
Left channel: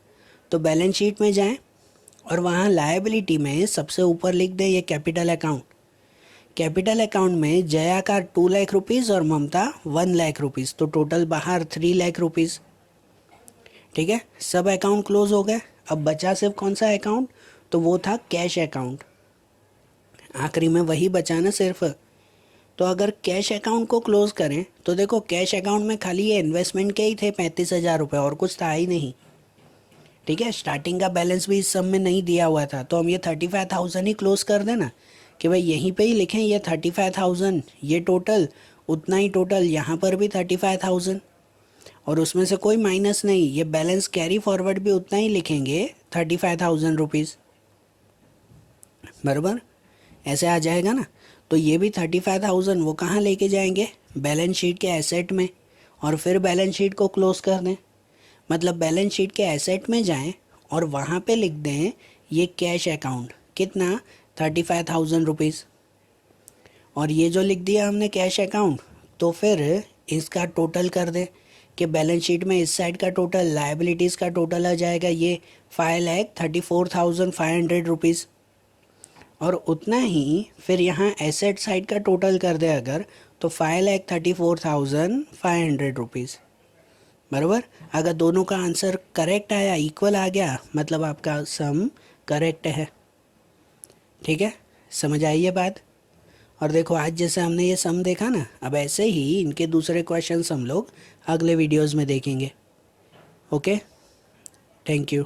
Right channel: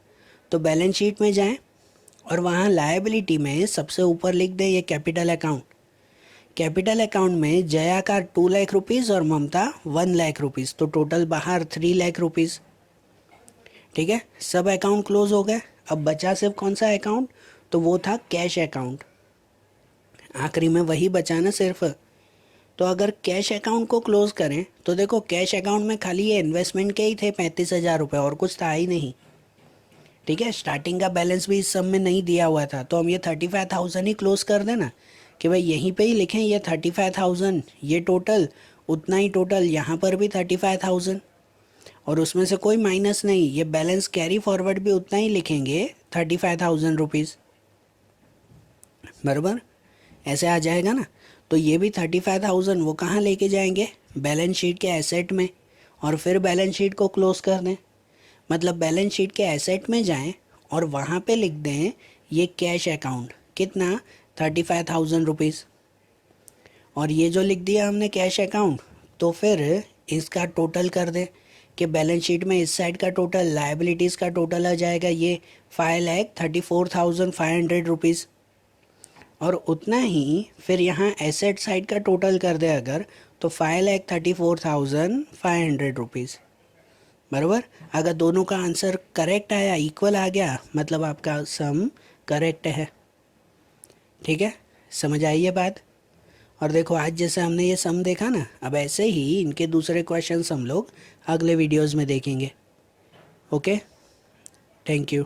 तो बैलेंस शीट में जाएं और वहाँ लायबिलिटी में सबसे ऊपर लिख दें ये कैपिटल अकाउंट। कैपिटल अकाउंट में जया का 2 लाख रुपीज़ और ममता 1 लाख रुपीज़, तो टोटल बाहर 3 लाख रुपीज़। ठीक है, सब अकाउंट क्लोज हो गए। अब बचा सिर्फ कौन सा अकाउंट, तो वो था कैश अकाउंट। आखिरी में वही बचा ना सिर्फ। तो अगर कैश अकाउंट को क्लोज करें तो देखो कैश अकाउंट में खाली ये इन्वेस्टमेंट के ही थे 35,000 रुपये, और कुछ था ही नहीं। ठीक है, स्टार्टिंग का बैलेंस भी इस सब में नहीं दिया हुआ था, तो हम ये 35,000 ही क्लोज कर देना कि भाई यहीं पे ही लिखें ये 35,000, ये टोटल उतना ही, टोटल यहाँ पर भी 35,000, और उसमें से कोई माइनस नहीं, ये बैलेंस कैरी फॉरवर्ड भी उतना ही लिखेंगे 35,000 रुपीज़। बराबर, ऐसे आ जाएगा ना। तो ये भी 35,000 वो कहाँ लेके जाएंगे, बैलेंस शीट के एसेट में, और फिर बैलेंस शीट को क्लोज कर दें। मतलब बैलेंस शीट के एसेट में जाएं और वहाँ पे लिख दें ये कैश अकाउंट, कितना, 35,000 रुपीज़। और ये जो लिख दिया हमने कैश अकाउंट, तो फिर इसका टोटल कर दें कि बैलेंस शीट में इस साइड का टोटल, लायबिलिटीज़ का टोटल आ जाएगा ये 5,34,500 रुपीज़। और उतना ही फिर यहाँ एसेट साइड का टोटल कर दे अगर, तो 5,34,500 रुपीज़। बराबर, अगर दोनों का आंसर करेक्ट आया, इक्वल आ गया, मतलब आपका सम करेक्ट है। ठीक है, समझ आई ये बात। और देखो आज जैसे हमने ये सम देखा ना, अब ऐसे ही इनके दूसरे क्वेश्चंस हम लोग अगले वीडियोस में देखेंगे। Okay, thank you.